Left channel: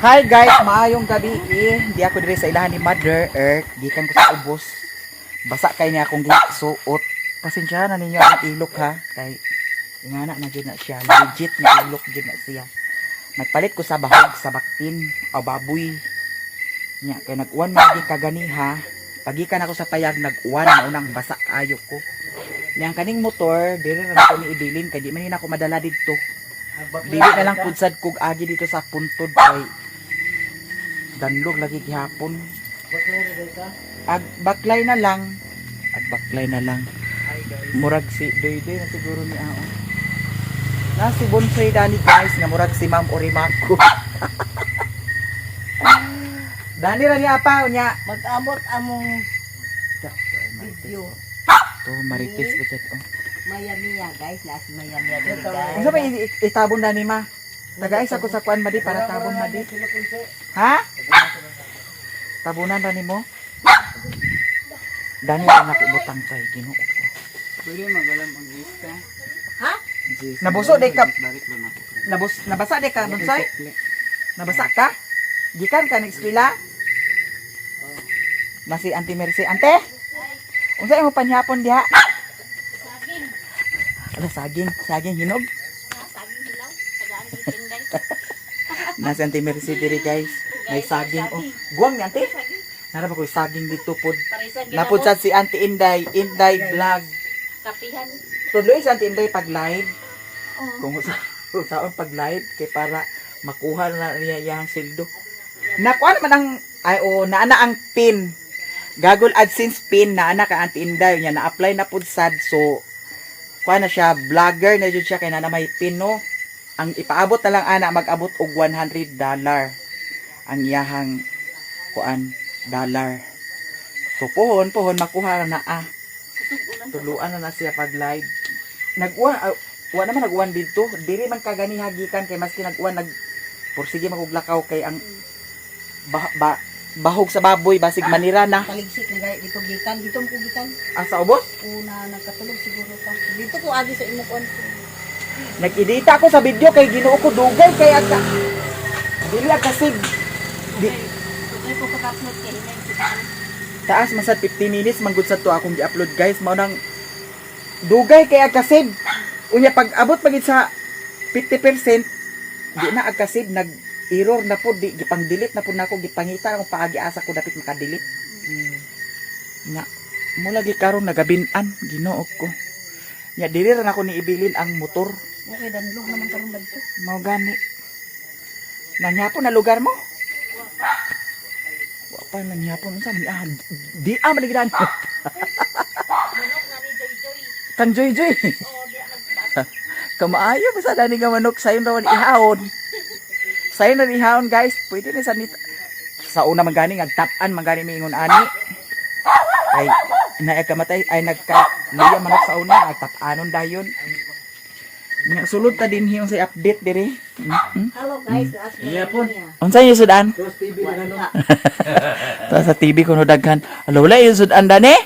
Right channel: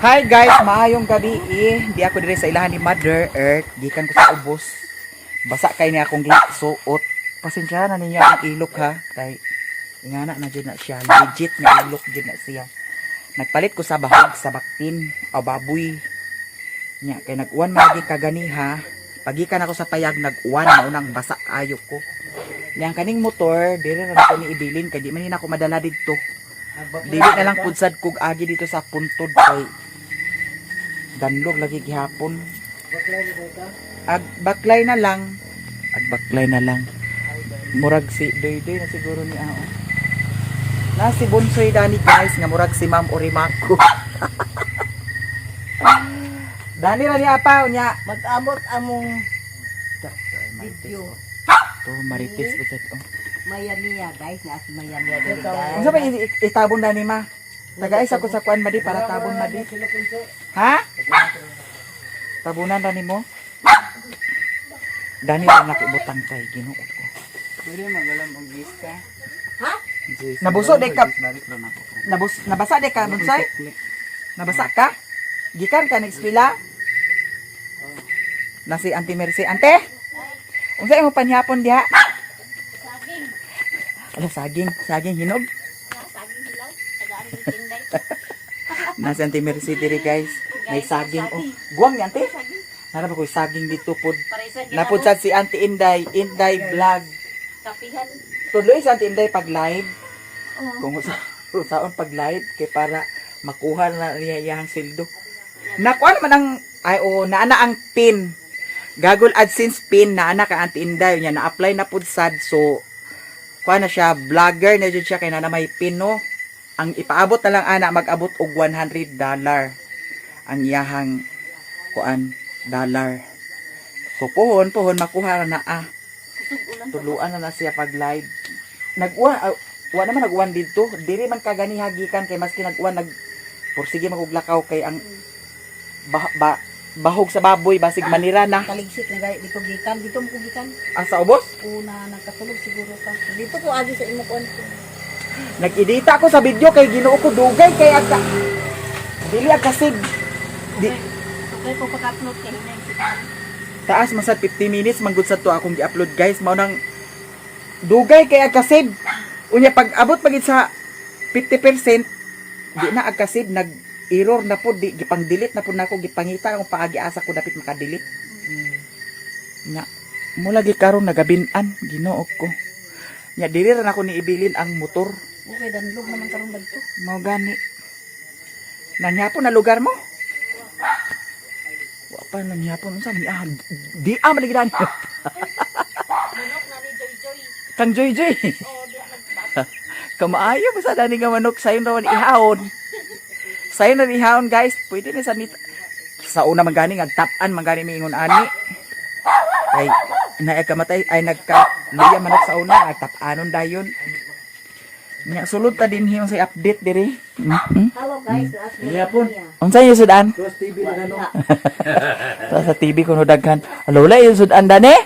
Hi guys, maayong gabi. Di ako dire sa ilahan ni Mother Earth. Gikan ko sa ubos. Basa kay niya akong gisuot. Pasensya na ninyo akong ilok ha. Kay ingana na jud na siya. Legit na ilok jud na siya. Nagpalit ko sa bahog sa baktin o baboy. Nya kay nag-uwan man di kagani ha. Pagikan ako sa payag nag-uwan maunang basa ayo ko. Yang kaning motor dire ra ko ni ibilin kay di man ako madala didto. Dili na lang pudsad kog agi dito sa puntod kay danlog lagi gihapon. Baklay na lang. Baklay na lang. Murag si Doydoy na siguro ni Ao. Na si Bonsoy Dani guys nga murag si Ma'am Orimako. Dani ra ni apa unya. Mag-abot among video. To marites po to. Mayamiya guys, na si Mayamiya guys. Unsa ba itabon dani ma? Tagais ako sa kuan madi para tabon madi. Ha? Tabunan ra nimo? Dani ra nakibutang tay Ginoo ko. Pwede magalam ang lista. Ha? Nabuso de ka. Balik lang ako. Nabasa de ka Bonsai? Nabasa ka? Gikan ka ng eskwela? Na si Auntie Mercy. Ante? Unsa imong panhapon diha? Saging. Ala saging hinog. Na si Auntie Mercy diri guys. May saging oh. Guwang ni Auntie? Nara ba ko saging dito pod. Napud sad si Auntie Inday vlog. Kapihan. Tuloy si Auntie Inday pag live. Kung saan pag live kay para makuha na niya iyang sildo. Nakuha naman ang naana ang pin. Google AdSense pin naana ka Auntie Inday niya na-apply na pud sad so kuha na siya vlogger na jud siya kay na may pin no. Ang ipaabot na lang ana mag-abot og $100 ang iyahang kuan dollar. So pohon makuha na tuluan na siya pag live. Wa naman nag-uwan dito. Diri man kagani hagikan kay maski nag-uwan pursige maguglakaw kay ang bahog sa baboy basig manira na. Kaligsik na guys, dito gikan, dito mo gikan. Sa ubos? Una nakatulog siguro ka. Dito ko agi sa imo kon. Nag-edita ako sa video kay Ginoo ko dugay kay aka. Dili kasig. Okay po pag-upload kay hinay kita. Taas man sad 50 minutes manggod sa to akong gi-upload guys. Mao nang dugay kay agkasib. Unya pag abot pagit sa 50%, di na agkasib nag-error na po, di gipang-delete na po nako gipangita akong paagi asa ko dapat maka-delete. Nya mula gi karon nagabinan Ginoo ko. Nya diri ra nako ni ibilin ang motor. Okay, danlog naman karong dagko. Mao gani. Nangyapon na lugar mo? Wa pa nangyapon unsa man di man gidan. Manok na ni Joy. Kang Joy. Oh, di nagbat. Kamaayo ba sa dani nga manok sayon raw ihawon. Sayon na ihawon guys. Pwede ni sa una man gani ngagtap-an man gani miingon ani. Ay naikamatay ay nagka-luya manok sa una nagtap-anon dayon. Nya sulod ta din hiyong sa update diri. Hello guys, as Mayamiya. Unsa yung sudan? Tapos TV na ano? Sa TV kuno daghan. Lola yung sudan dani?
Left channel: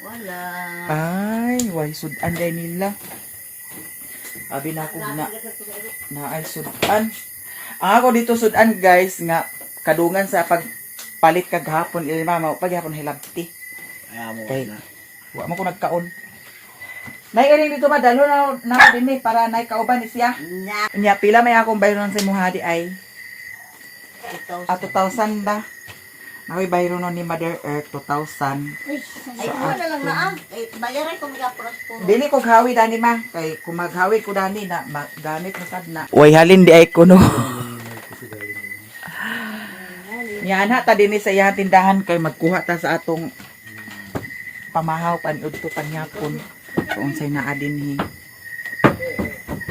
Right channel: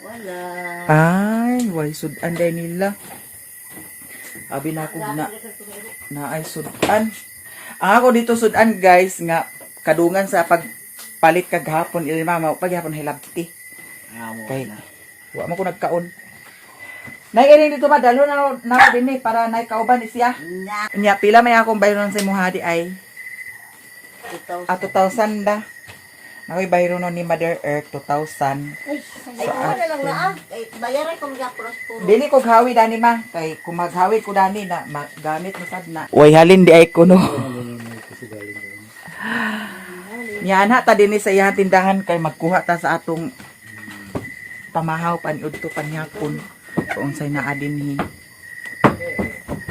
Wala. Ay, why sudan day nila? Abi na ako na ay sudan. Ako dito sudan guys nga kadungan sa pagpalit kaghapon ilma paghapon hilabti. Kay wa mo ko nagkaon. Nay iring dito madalo na din ni para nay kauban ni siya. Nya pila may akong bayron sa imuha di ay 2,000 da. Nakoy bayron ni Mother Earth 2,000. Ay, na lang na bayaran ko mga prosporo. Dili ko hawi dani ma kay kung maghawi ko dani na magamit na sad na. Way halin di ay kuno. Yana ta dinhi sa iyang tindahan kay magkuha ta sa atong pamahaw paniudto panyapon. Kung unsay naa dinhi.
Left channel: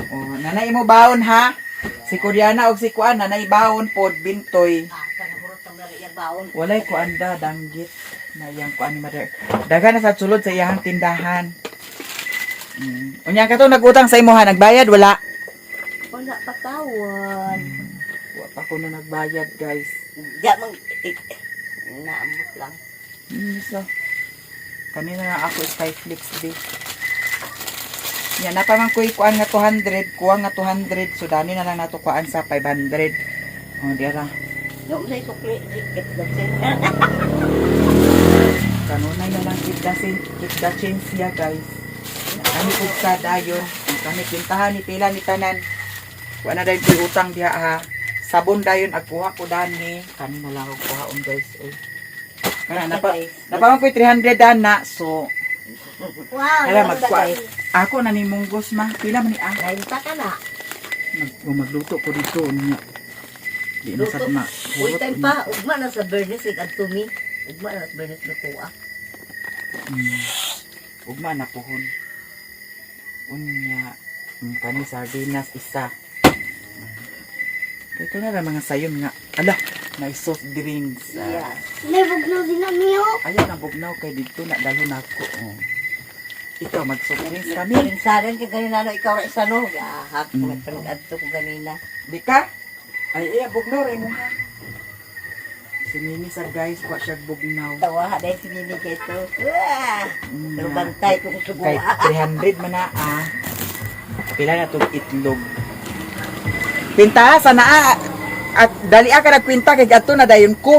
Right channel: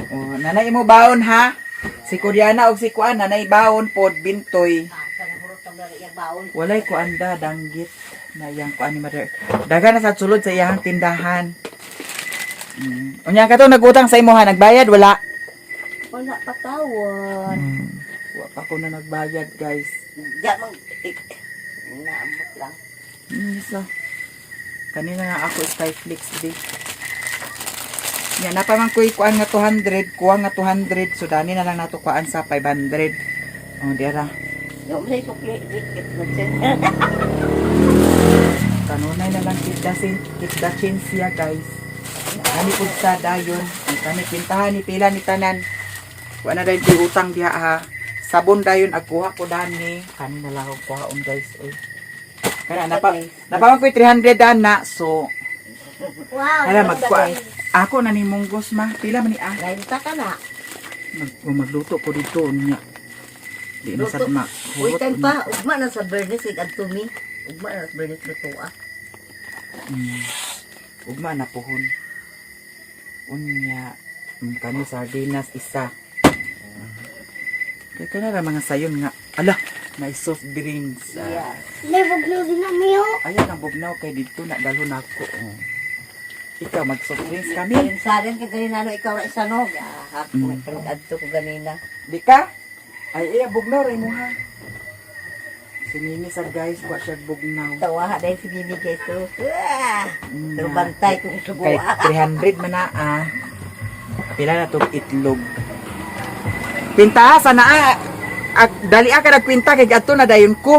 Oh, nanay mo baon ha. Si Koreana og si Kuan nanay baon pod bintoy. Walay kuanda danggit na iyang kuan ni Mother. Dagan na sa sulod sa iyang tindahan. Unya ka to nagutang sa imo ha, nagbayad wala? Wala patawan. Wa pa ko na nagbayad, guys. Diya mo naamot lang. So, kanina na ako Skyflix di. Yan na pa man kuan nga 200, kuha nga 200, so dani na lang nato kuan sa 500. Oh, diara. Yung may sukli, ikit na siya. Kanunay na lang keep the change siya, guys. Kani pud sa dayon, ang kani pintahan ni pila ni tanan. Wa na dayon koy utang diha ha. Sabon dayon agkuha ko dani. Kani na lang ako kuhaon, guys. Oy. Kaya napamang koy 300 na. So, Wow. hala magkuha. Ako na ni munggos ma. Pila man ni ah. Lain pa ka na. Magluto ko dito niya. Di na sad ma. Uy, tayo pa. Ugma na sa Bernice, igantumi. Ugma na sa Bernice luto ah. Ugma na pohon. Unya, kani sardinas isa. Ito na ra mga sayon nga. Ala, may soft drinks. Yeah. May bugnaw din na miyo. Ayan ang bugnaw kay dito na dalo na ako. Oh. Ikaw mag soft drinks kami. Kalinsagan ka ganina no, ikaw ra isa no. Hak, nagpanadto ko ganina. Di ka? Ay, iya bugnaw ray mo ha. Sinini sa guys, wa siya bugnaw. Tawa dahil si Mimi Keto. Mm, Bantay kong Kay subuha. 300 man na ah. Pila na tong itlog. Pinta sana at dali ka nagkwinta kay adto na dayon ko.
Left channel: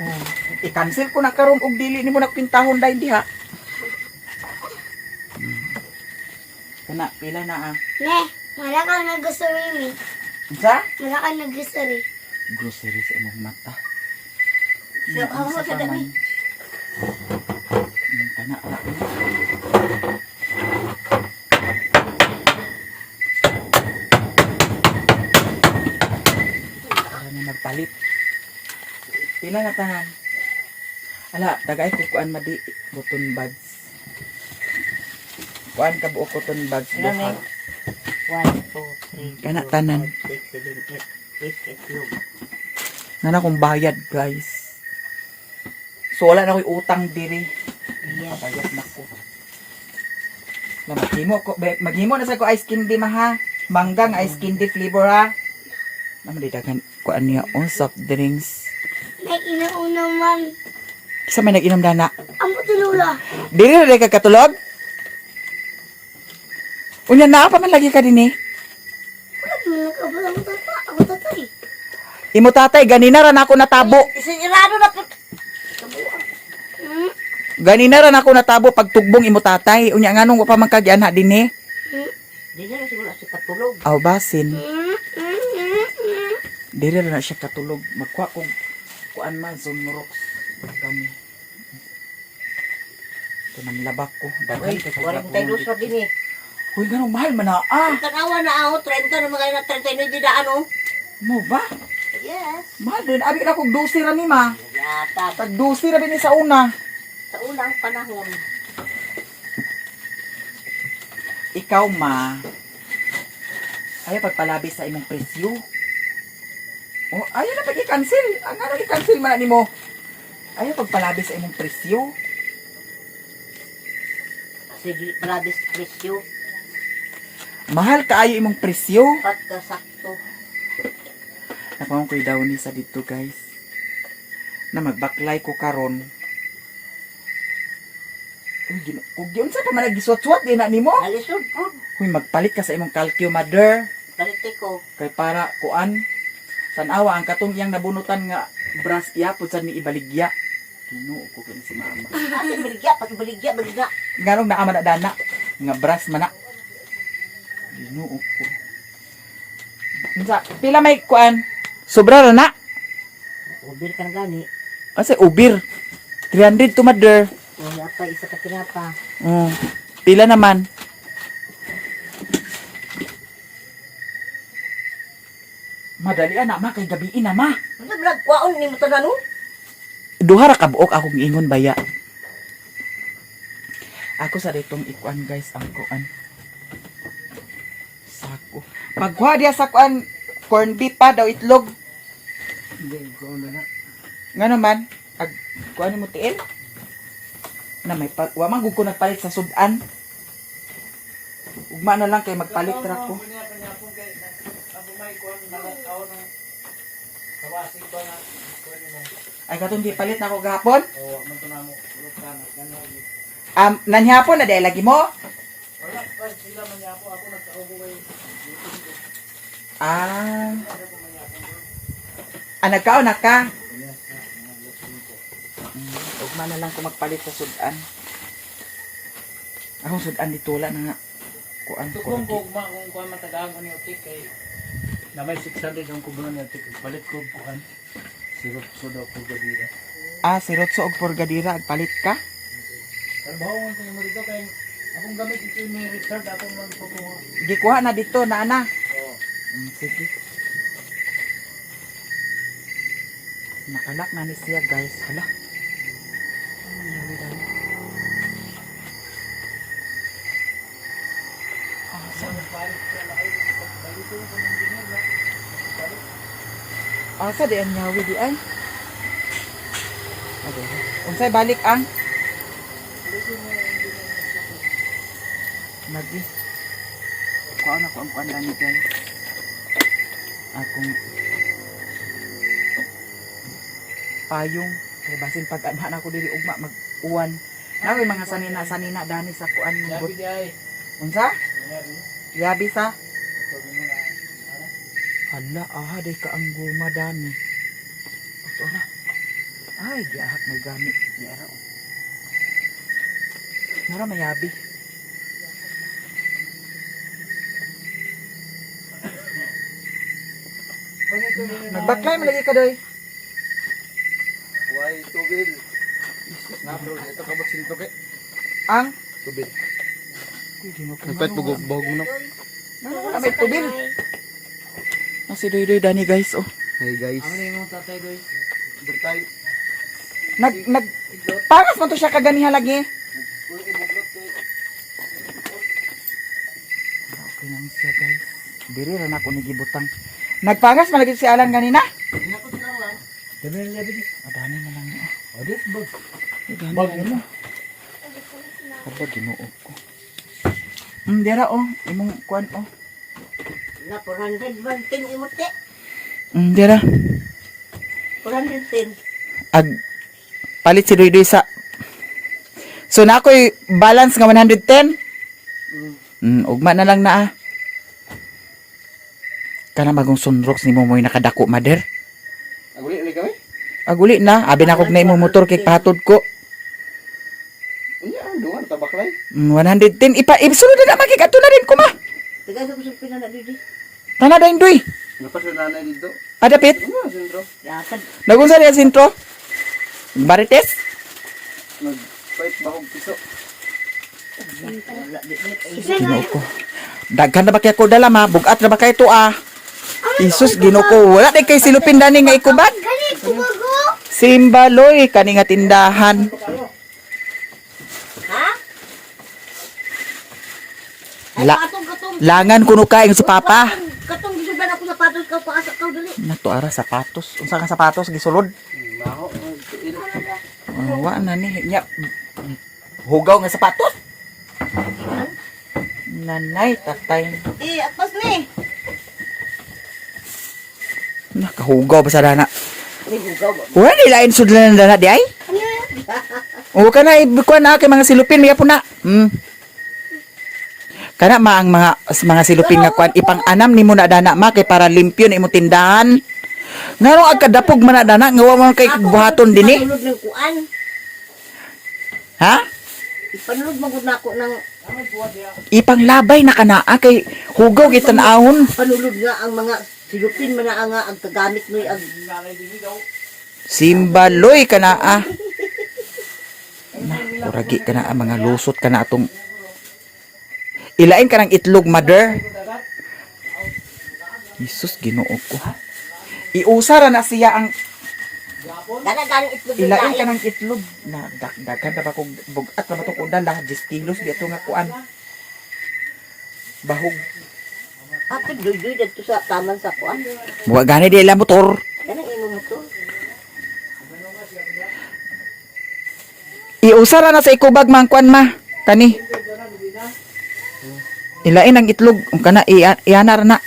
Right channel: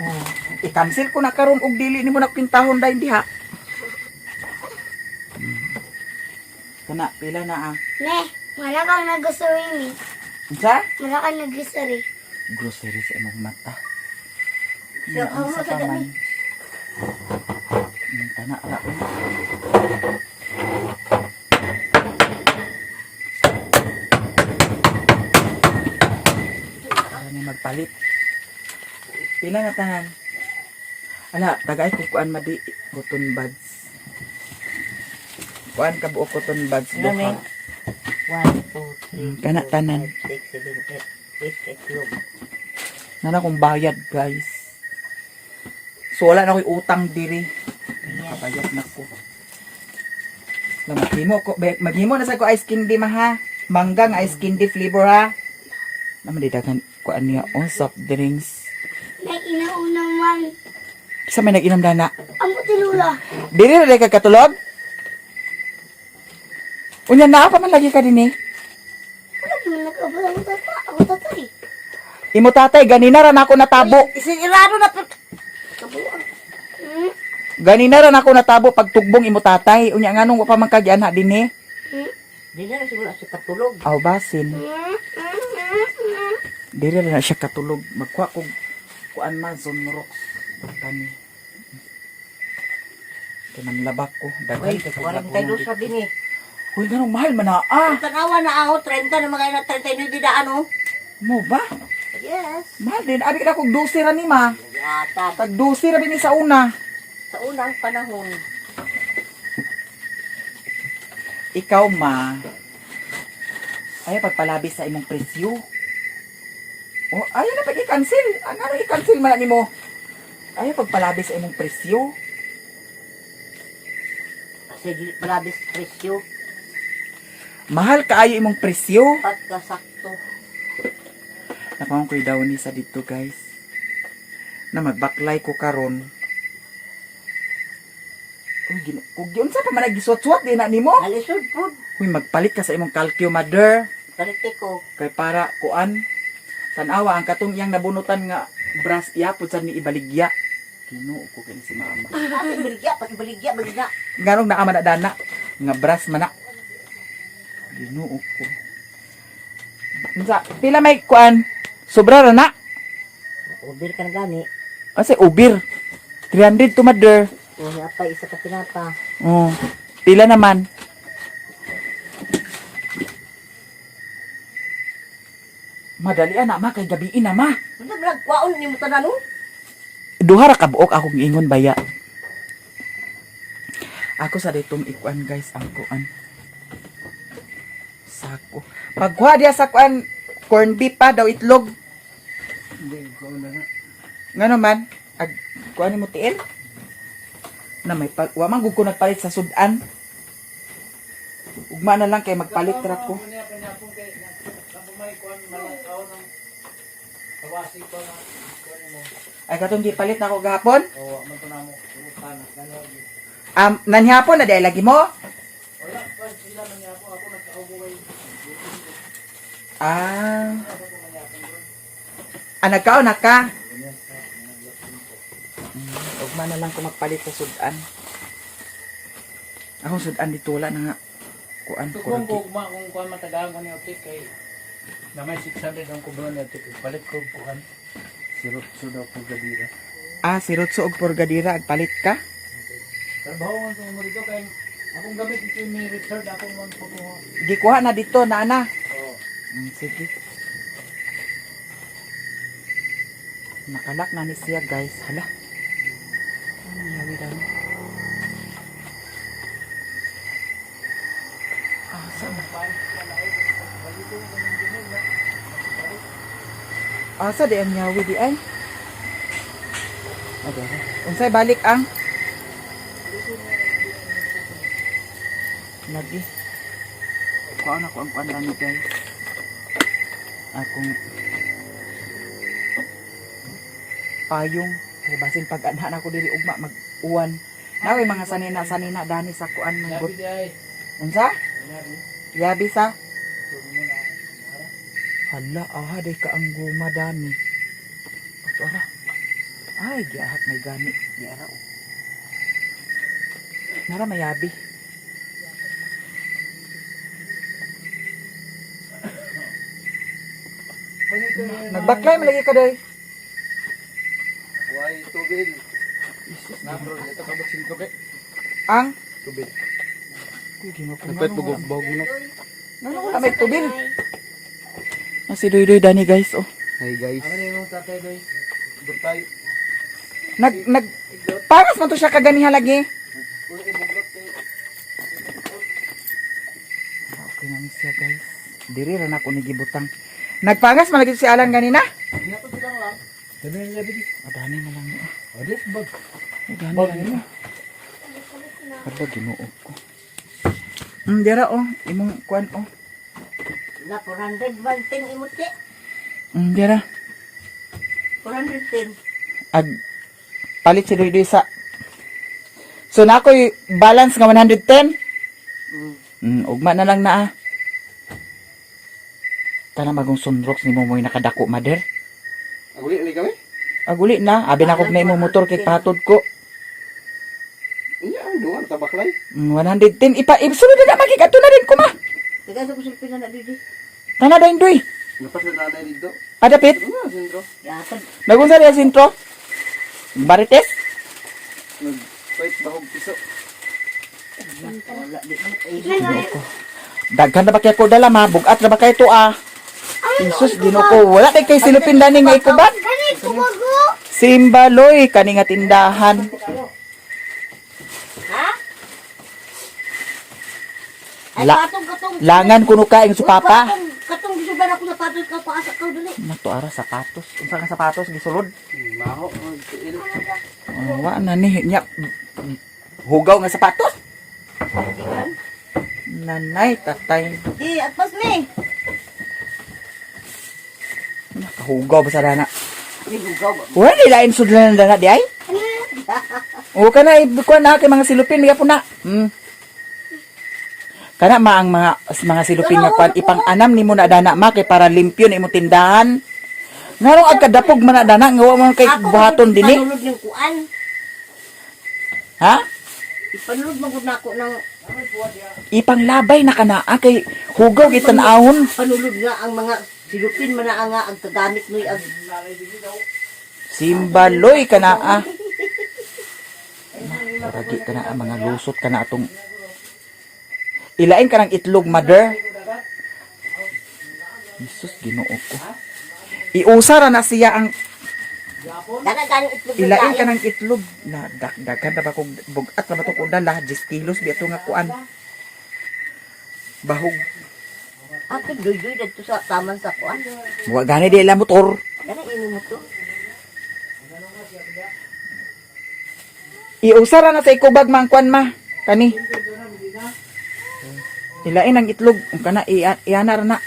Oh, i-cancel ko na karon og dili nimo nagkwintahon dayon diha. Kana pila na ah. Ne, wala kang nag-grocery ni. Unsa? Wala kang nag-grocery. Grocery sa imong mata. So, ang Unsa mga pa kada man? ni. Kana ra. Para niya magpalit. Pila na tanan? Ala, tagay ko kuan madi cotton buds. Kuan ka buo cotton buds Ano ni? duha. 1, 2, 3, Kana tanan. 6, 7, 8, 8 itlog. Nana kong bayad, guys. So wala na ko'y utang diri. Kabayad na ko. Na maghimo na sa ko ice candy maha. Manggang ice candy flavor ha. Naman didagan ko niya on soft drinks. May inauna man. Kisa may nag-inom dana. Amo tinula. Diri na ka katulog? Unya na pa man lagi ka din eh. Wala naman nag-abala mo tata. Ako tatay. Imo tatay ganina ra na ako natabo. Isinirado na po. Hmm? Ganina ra na ako natabo pag tugbong imo tatay. Unya nganong wa pa man kagyan ha din eh. Hmm? Di na siguro si katulog. Aw basin. Hmm? Hmm? Hmm? Diri ra na siya katulog. Magkuha kog kuan man sunrox kami. Manlabak ko. Daghan Uy, kay kog walang tayo sa din eh. Uy, ganong mahal man na ah. Tanawa na ako, 30 na mga na 30 na di daan oh. Mo ba? Yes. Mahal din. Abi ka kog 12 ra ni ma. Yata. Tag 12 ra bini sa una. Sa unang panahon. Ikaw ma. Ayaw pagpalabis sa imong presyo. Oh, ayaw na pag-i-cancel. Ano i-cancel man na nimo? Ayaw pagpalabis sa imong presyo. Kasi di palabis presyo. Mahal kaayo imong presyo. Pagkasakto. Napamang ko'y daw ni sa dito guys. Na magbaklay ko karon. Kung yun sa pa man nagiswat-swat din na nimo. Nalisod po. Huy, magpalit ka sa imong calcio mother. Kalite ko. Kay para kuan. Tanawa ang katong iyang nabunutan nga bras iyapod sa ni ibaligya. Ginoo ko kini si mama. Pati baligya, baligya. Nganong naama na dana nga bras man na. Ginoo ko. Unsa pila may kuan? Sobra ra na. Ubir ka na gani. Kasi ubir. 300 to mother. O, pa isa ka tinapa. Oh. Pila naman. Madali na ma kay gabi na ma. Hindi ba nagkwaon ni mo tanan no? Duha ra ka buok akong ingon baya. Ako sa ditong ikuan guys ang kuan. Sako. Pagkuha dia sa kuan corn beef pa daw itlog. Hindi, ikaw na na. Ngano man? Ag kuan mo tiil? Na may wa man gud ko nagpalit sa sudan. Ugma na lang kay magpalit ra ko. Ay katong di palit na ako gahapon? Nanhapon na dahil lagi mo? Ah. Nagkaon na ka? Ugma na lang ko magpalit sa sudan. Akong sudan dito wala na nga. Kuan Kung ko. kung kuan matagahan ko ni Opik kay na may 600 ang kubulan ni Opik. Palit ko kuan. Sirop sudo ko gabira. Si Rotso og Porgadira agpalit ka? Trabaho man ko mo dito kay akong gamit ito ni Richard akong man po ko. Gikuha na dito na ana. Oh. Sige. Nakalak na ni siya guys. Hala. Nangyari dahil. Asa di ang nyawi di ay? Okay. Unsay balik ang? Lagi. Kuhaan ako ang kuhaan lang ni guys. Akong payong. Kaya basin pag anhan ako diri ugma mag-uwan. Naway mga sanina dami sa kuan ng Sabi gut. di ay. Unsa? Yabi sa? So mo na. Hala, day ka ang guma dami. Ito ara. Ay, diahat may gamit. Di ara o. Nara mayabi. Nagbaklay malagi ka doy. Why tubig? Na bro, ito kabot sinto kay. Ang? Tubig. Hindi mo Repet bugog bugog na. Wala may tubil. Si Doy Dani guys oh. Hi guys. Ano yung tatay guys? Bertay. Nag paras mo to siya kaganiha lagi. Okay na siya guys. Diri ra na ko nigibutang. Nagpangas malagi si Alan ganina? Nato sila lang. Dami na yabi di. Adani na lang niya. Ado bag. Adani na lang. Kada ginuo ko. Dira oh, imong kuan oh. Na 400 man tin imuti. Dira. 410. Ag palit si Doy sa. So na ako'y balance nga 110. Ugma na lang na ah. Kana bagong sunrox ni mo mo'y nakadako mader. Aguli ni kami? Aguli na, abi na kog na imong motor kay patod ko. Unya, duwan tabaklay. 110 isunod na makikato na rin ko ma. Tagay sa kusupin na didi. Tana dayon Doy. Napas na nanay dito. Adapit. Ano sentro? Yatag. Nagunsa rin sintro. Barites. Nag-fight bahog piso. Wala di. Ginoo ko. Daghan na ba kaya ko dala ma? Bugat na ba kayo to ah? Isus, ginoo ko. Wala na kay silupin dani nga ikubat. Ganito bago. Simbaloy, kani nga tindahan. Ha? Katong. Langan kuno ka ing supapa. Katong gisuban ako sapatos ka paasa ka dali. Nato ara sapatos. Unsa nga sapatos gisulod? Maho, magtuil. Wa na ni nya hugaw nga sapatos. Nanay tatay. Atpas ni. Nakahugaw ba sa dana? Ni hugaw ba? Wala nilain sudlan ng dana di ay? O kana ibukwa na kay mga silupin may po na. Kana ang mga silupin nga kwan ipang-anam nimo na dana ma kay para limpyo na imo tindahan. Ngano ang kadapog man na dana nga wa mo kay buhaton dinhi? Panulod ng kuan. Ha? Ipanulod magud nako ng Ipanglabay na kanaa kay hugaw gitan-ahon. panulod nga ang mga silupin man na nga ang kagamit noy ang Simbaloy kanaa. Uragi kana ang mga lusot kana atong ilain ka ng itlog mother. Jesus Ginoo ko. Iusara na siya ang gani itlog ilain ka ng itlog na daghan na ba kog bugat na ba to kung dala 10 kilos dito nga kuan. Bahog. Ato doy dito sa taman sa kuan. Wa gani di ila motor. Ganang imo mo to. Iusara na sa ikubag mang kuan ma. Kani. Ilain ang itlog kana ianar na.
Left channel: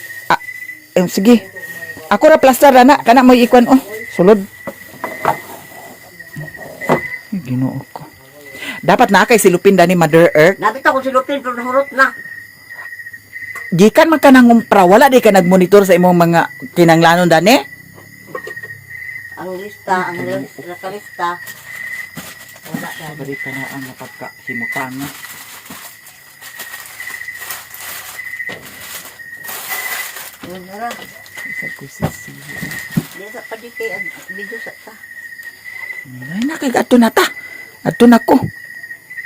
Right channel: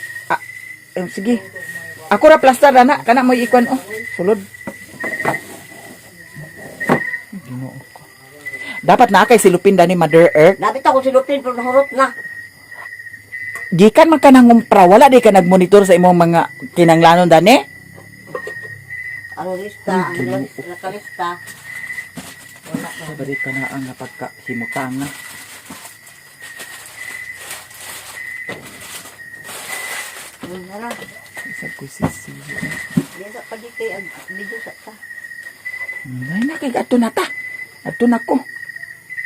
Sige. Ako ra plaster na kana mo ikuan oh. Sulod. Ginoo ko. Dapat na kay silupin dani Mother Earth. Nabit ako silupin pero nahurot na. gikan man ka nangumpra, wala di ka nagmonitor sa imong mga kinanglanon dani? Ang lista, ang nakalista. Wala na. Balik ka na ang napagkahimutanga. Yun na lang. Isa ko sisiyo. Di sa padikay, ang video sa ta. Ay, nakig, ato na ta. Ato na ko.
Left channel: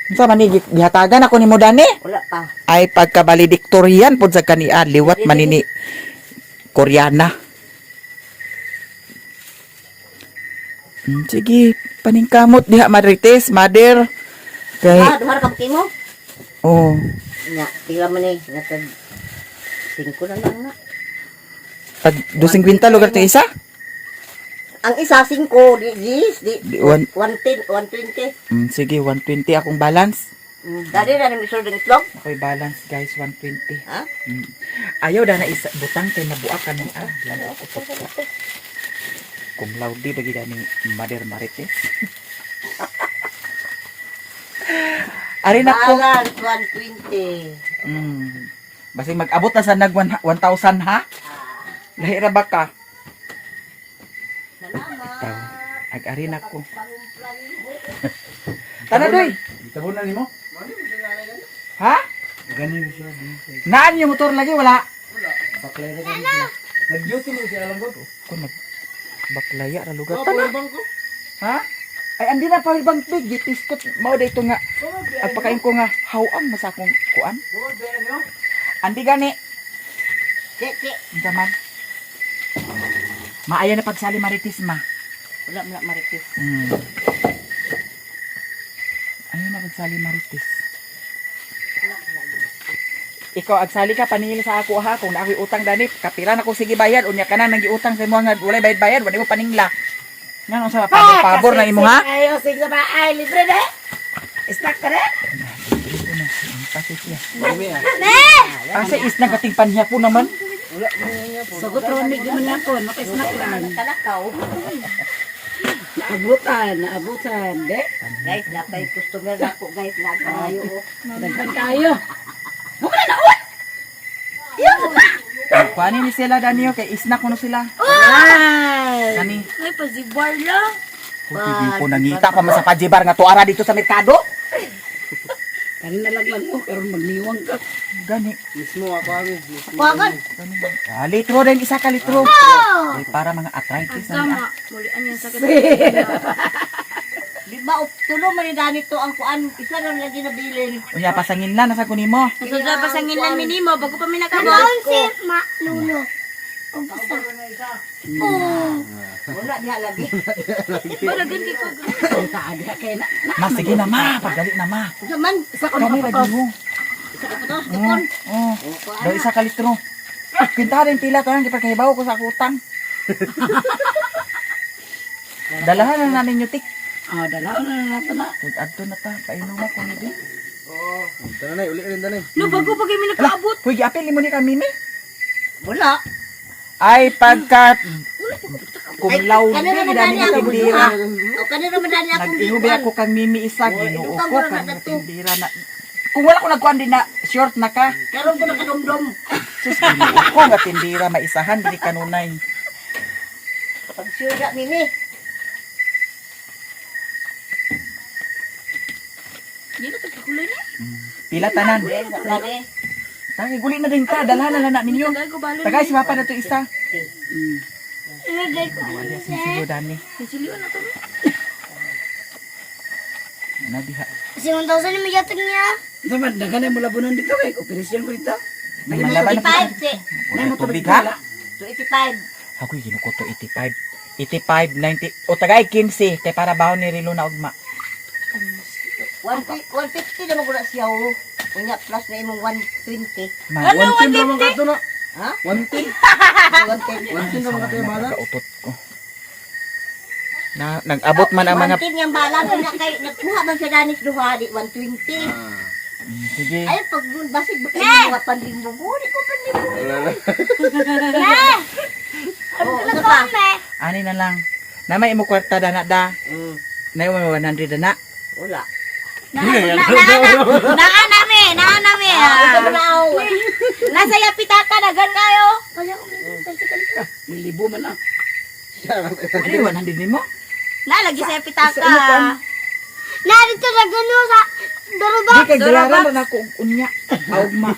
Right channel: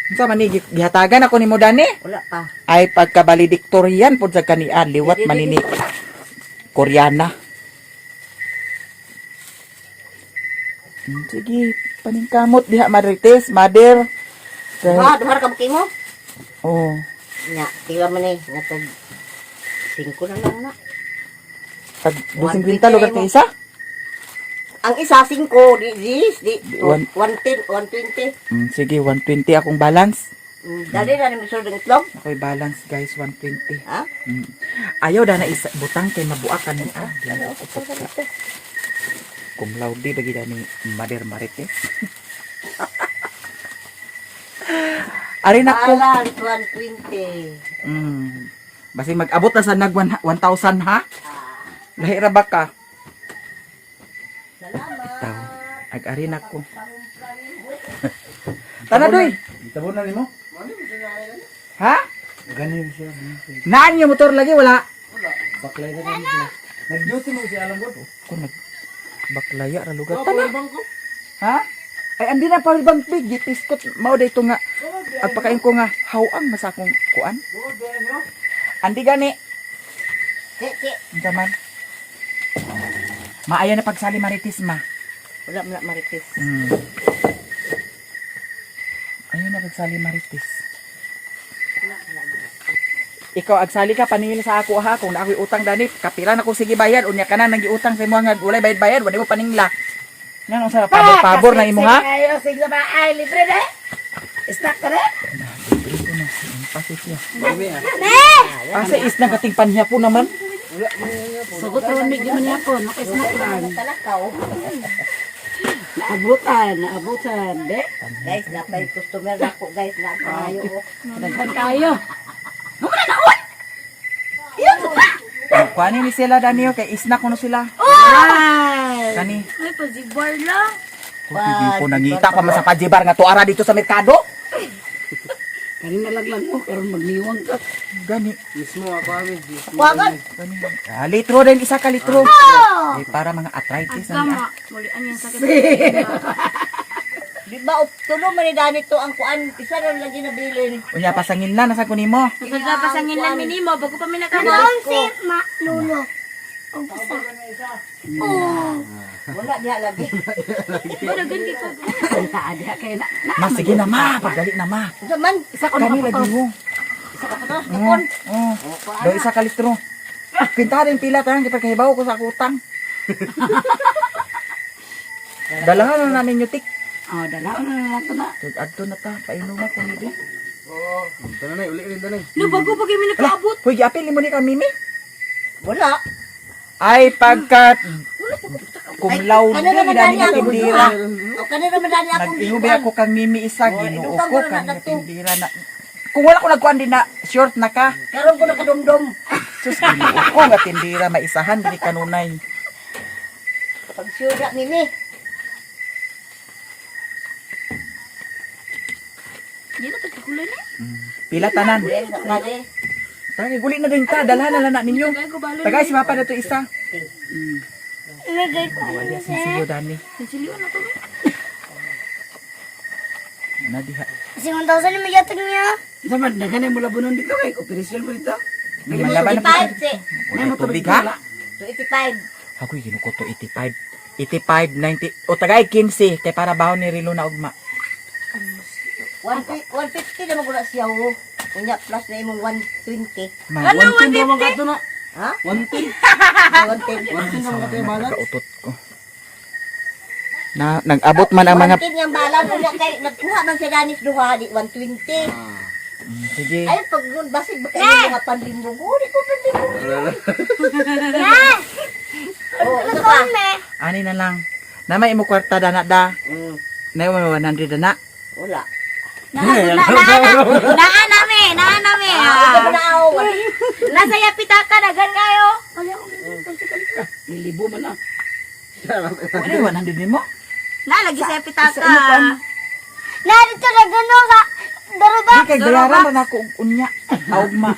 Sa manigit, gihatagan ako ni mo dani. Wala pa. Ay, pagka-valedictorian po sa kaniya, liwat manini Koreana. Sige, paningkamot diha Marites, mother. Kay, Duhar ka buking mo? oh, Nya, tila man eh. Natag 5 na lang na. pag 250 lugar ka isa? Ang isa 5, di One- 110, 120. Sige, 120 akong balance. Dali na namin isulong itlog. Ako'y balance guys, 120. Ha? Ayaw na isa, butang kay mabuak ka niya. Kung laudi, bagi na ni Mother Marites. Arin ako. Balance 120. Basta mag-abot na sa nag 1,000 ha? Lahira ba ka? Ito. Ag-arin ako. Tana doy. Itabunan nimo. Ha? Ganin siya. Naan yung motor lagi? Wala. Baklay na ganin siya. Nag-duty mo siya alam ko. Kung baklaya ra lugar. Tana. Ha? Ay, andi na pa bang big. Gitiskot. Mao dito nga. Agpakain ko nga. Hawang masa akong kuan. Andi gani. Sik. Zaman. Maaya na pagsali Marites ma. Wala mo na maritis. Ayaw na pagsali Marites. Ikaw agsali ka paningil sa ako ha kung na ako'y utang dani kapira na ko sige bayad unya ka na nang giutang sa imo nga walay bayad wala mo paningla. Nga unsa pabor na nimo ha? Ayo, sige ba? Ay, libre na. Stock ka na? Dito na. Pasit niya. Ne! Asa is nagatingpan niya po naman. Sagot romig naman niya po, naka-snack lang. Kalakaw. Naabutan, de. Guys, dapat customer na po guys. Nakayo ko. Daghan tayo. Kuanin ni sila Danio kay isnak kuno sila. Ay! Kani. Ay, pazibar lang. Hindi po nangita pa man sa pajibar nga tuara dito sa merkado. Kanina lang mo, karon magliwang ka. Gani. Mismo ako kami. Wagan. Gani. Litro din isa ka litro. Eh, para mga arthritis na niya. Mulian yan sakit. Di ba, tulo man ni Dani to ang kuan. Isa na lang ginabilin. Unya pasangin na nasa kunin mo. Nagpapasangin lang minimo, bago pa may Ano nakabot. ko? Ma, nuno. O, basta. Wala niya lagi. Baragan dito. Saadi kay na. Ma, sige na ma. Pagdali na ma. Zaman. Kani lagi mo. Tapos, Oo. Oh. Do isa ka litro. Pinta rin pila tayo. Kipagkahibaw ko sa akutang. Dalahan na namin yung tik. Oh, dalaw na nato na. Adto na ta. Painuman ko nito. Tanay, uli rin tanay. No, bago pa kayo may Ala, nakaabot. huy, giapil mo ni kang mimi. wala. Ay, pagkat kumlaw din, dami na tindira. O kanina man Dani akong Nag-iubi ako kang mimi isa, ginoo ko, kang tindira na. Kung wala ko nagkuhan din na short na ka, Karon ko nakadumdum. sus, ginoo ko, nga tindira, maisahan, dili kanunay. Pagsyuda Mimi. Di na tagkakulay na. Pila tanan. Dani. Tagay, guli na din ta, dalhan na lang na ninyo. Gago balon. Tagay, si Mapa na to isa. Ilagay ko. Wala sisiyo, Dani. Siliwan na to. Ano diha? Si 1,000 na may yatag niya. Zaman daghan ay mula bunon dito kay operasyon ko dito. May malaban na po. 85, si. Wala tubig ha? 85. Ako ginuko to 85. 85, 90. O tagay 15 kay para baon ni Rilo na ugma. 150 naman ko na siya o. Kunya plus na imong 120. Ma, 110 naman ka ito na. Ha? 110. 110. 110 naman ka tayo balat. kautot ko. Na nag-abot man ang mga 110 yung balang kunya kay nagkuha man siya Danis duha di 120. sige. Ay pag nun basig ba kayo mga pandimbo di ko pandimbo. Oh, ano pa? Ani na lang. Na may imo kwarta dana da. Na mo 100 dana. Wala. Naa namin. na mi. Nasa yapitaka na ganyayo. Nilibo man ah. Ano yung 100 mo? Lalagi sa yapitaka. Isa ano kan? Narito na gano'n sa daruda. Di kay bayaran man ako og unya. Augma.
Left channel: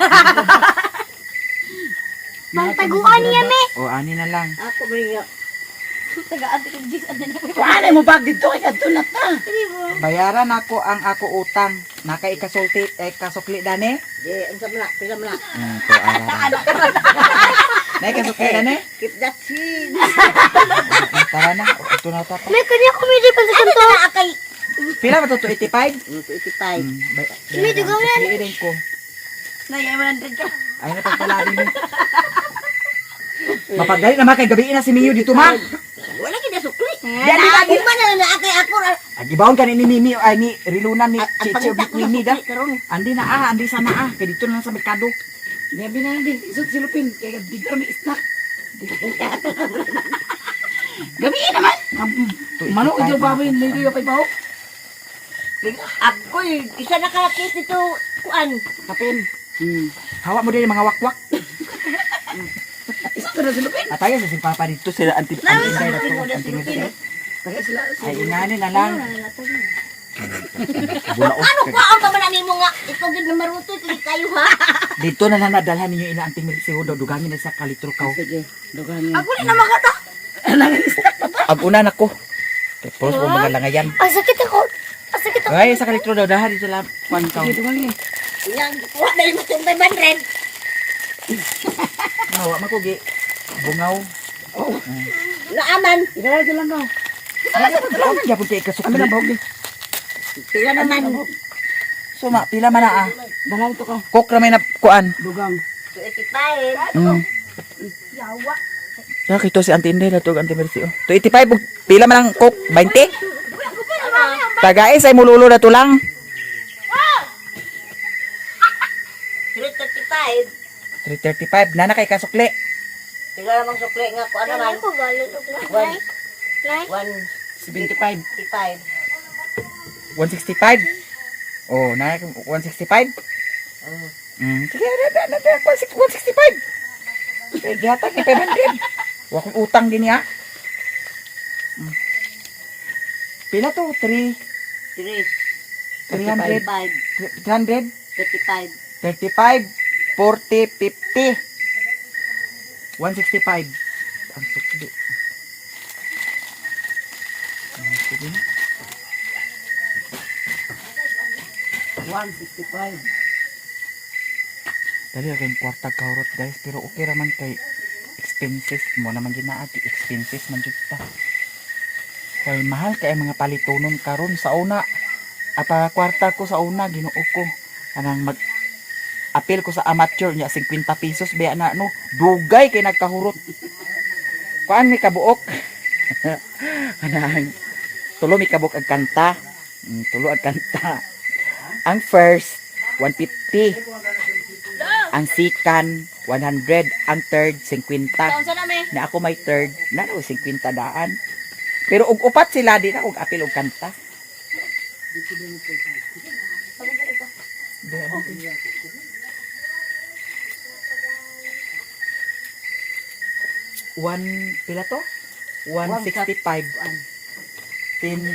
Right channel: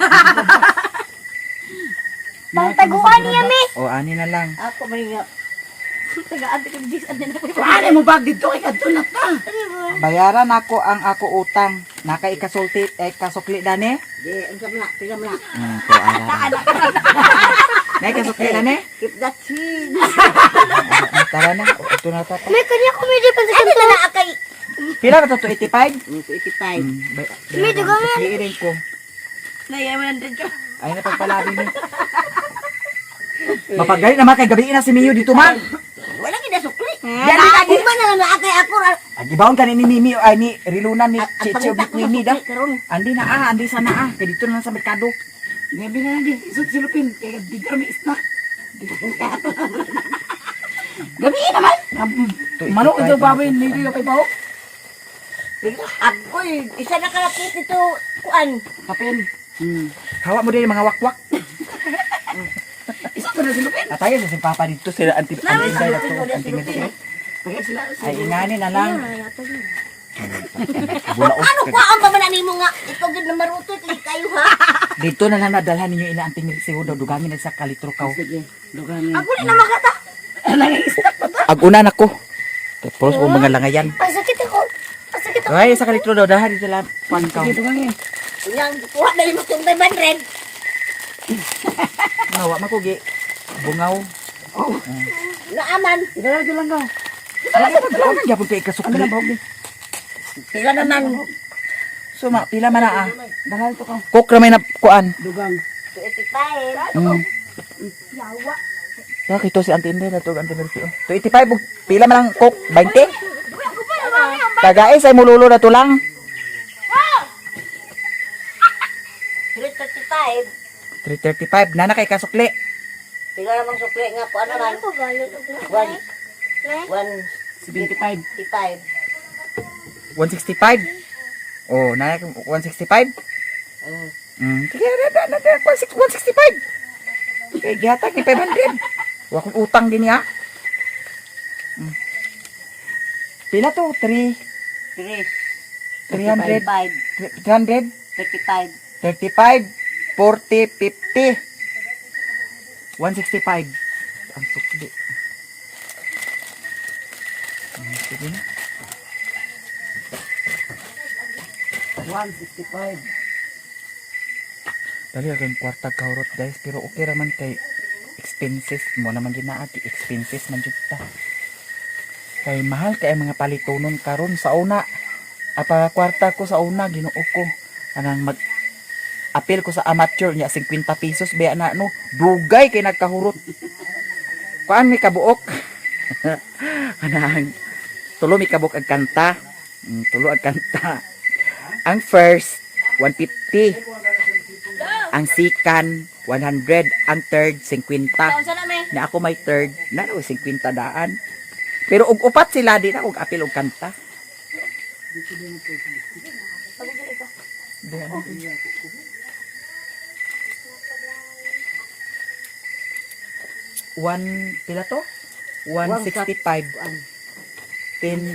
Pangtaguan niya, me. O ani na lang. Ako man niya. Tagaan ko dis and then Paano mo bag dito? Ikadunat na. Bayaran ako ang ako utang. Naka ikasulti kasukli dani. Di, ang sama na, pila mo na. To ara. Na kasukli dani. Keep that chin. Tara na. Ito na ta. May kanya kumidi pa sa kanto. Pila ba to 85? 85. May dugo na. Iirin ko. na 100 ka. Ay na pagpalabi mo. Mapagalit naman kay gabi na si Mio dito ma. Wala kinasukli. Yan din lagi. Di ba na naakay ako? Agibawon ka ni Mimi ay ni Rilunan ni Chicho ni Queenie da. Karon. Andi na andi sana kay dito na lang sa merkado. Gabi na lang din. Isot silupin. Kaya dito may snack. Gabi naman. Manok ito baboy. Lili ka pa ipaw. Ako, isa na kakit ito. Kuan. Kapin. Hawa mo din yung mga wakwak. Isa ko na silupin. Atayo sa si Papa dito sila anti-inday na to anti-ngiti. Kaya sila. Ay ingani na lang. Bulaos Ano kag ba ang pamananin mo nga? Ito gid na maruto ito kayo ha. dito na lang nadalhan ninyo ila anti-ngiti si Hudo dugangin na sa kalitro kaw. Sige. Dugan. Ako na magata. Agunan ako. Tapos ko mga langayan. Pasakit ako. Pasakit ako. Ay sa kalitro daw dahan dito lang pan kaw. Sige, dugan. Ilang kuha na mo tong 500. Nawa makugi. Bungaw. Naaman. Igala ito lang daw. Ano gyapon kay Ano kasukli? na bahog di? Pila naman. So ma pila man na Dalhan ito ka. Cook ra may na kuan. Dugang. 85. Kaya kito si Auntie Inday na to Auntie Mercy. To 85 og pila man ang cook 20. Tagaay say mululo na to lang. 335. 335 na kay kasukli. Pila namang sukli nga kuan naman. Ako galit ako. 165. 165. Oh, na 165. Sige, na 165. Okay, gihatag ni 500. Wa kong utang din ya. Pila to? 3 300 300 35. 35 40 50 165 ang sukli. Sige na. 165. Dali ang kwarta kahurot guys, pero okay raman kay expenses mo naman ginaati expenses man jud ta. Kay mahal kay mga palitonon karon sa una. At kwarta ko sa una Ginoo ko anang mag apil ko sa amateur niya 50 pesos baya na no dugay kay nagkahurot. Kuan mi kabuok. Anang tulo mi kabuok ang kanta. Tulo ang kanta. Ang first 150. Ang second 100, ang third 50. Kaunsa na me? Na ako may third, na 50 daan. Pero ug upat sila di na ug apil og kanta. One pila to? 165. 10,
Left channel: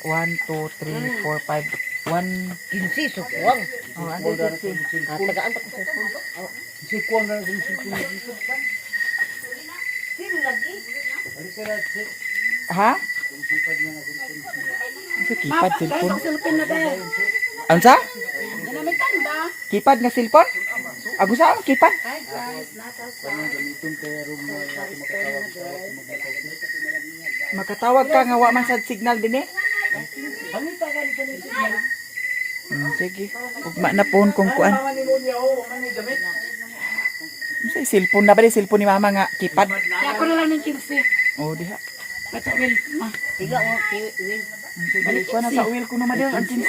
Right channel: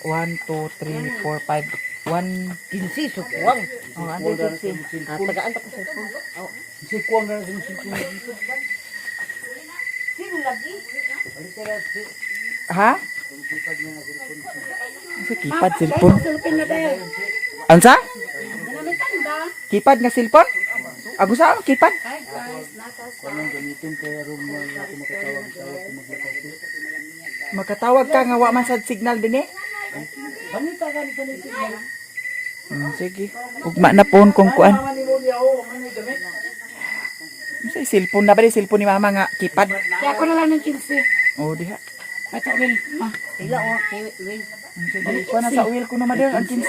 1, 2, 3, 4, 5, 1, Kinsi sukwang. oh, under 50. Tagaan ta ko sa phone. Si Kuang na si Kuang. Ha? Sa kipad cellphone. Ansa? Kipad nga cellphone? Ako sa kipad? Makatawag ka nga wa man sad signal din eh. Sige. Ugma na phone kung kuan. Sa cellphone na ba di cellphone ni mama nga kipad? Kaya ako na lang ng 15. Oh, diha. Ito, Will. Tiga o Will. Sige, kuha na sa wheel ko na madal ang 15.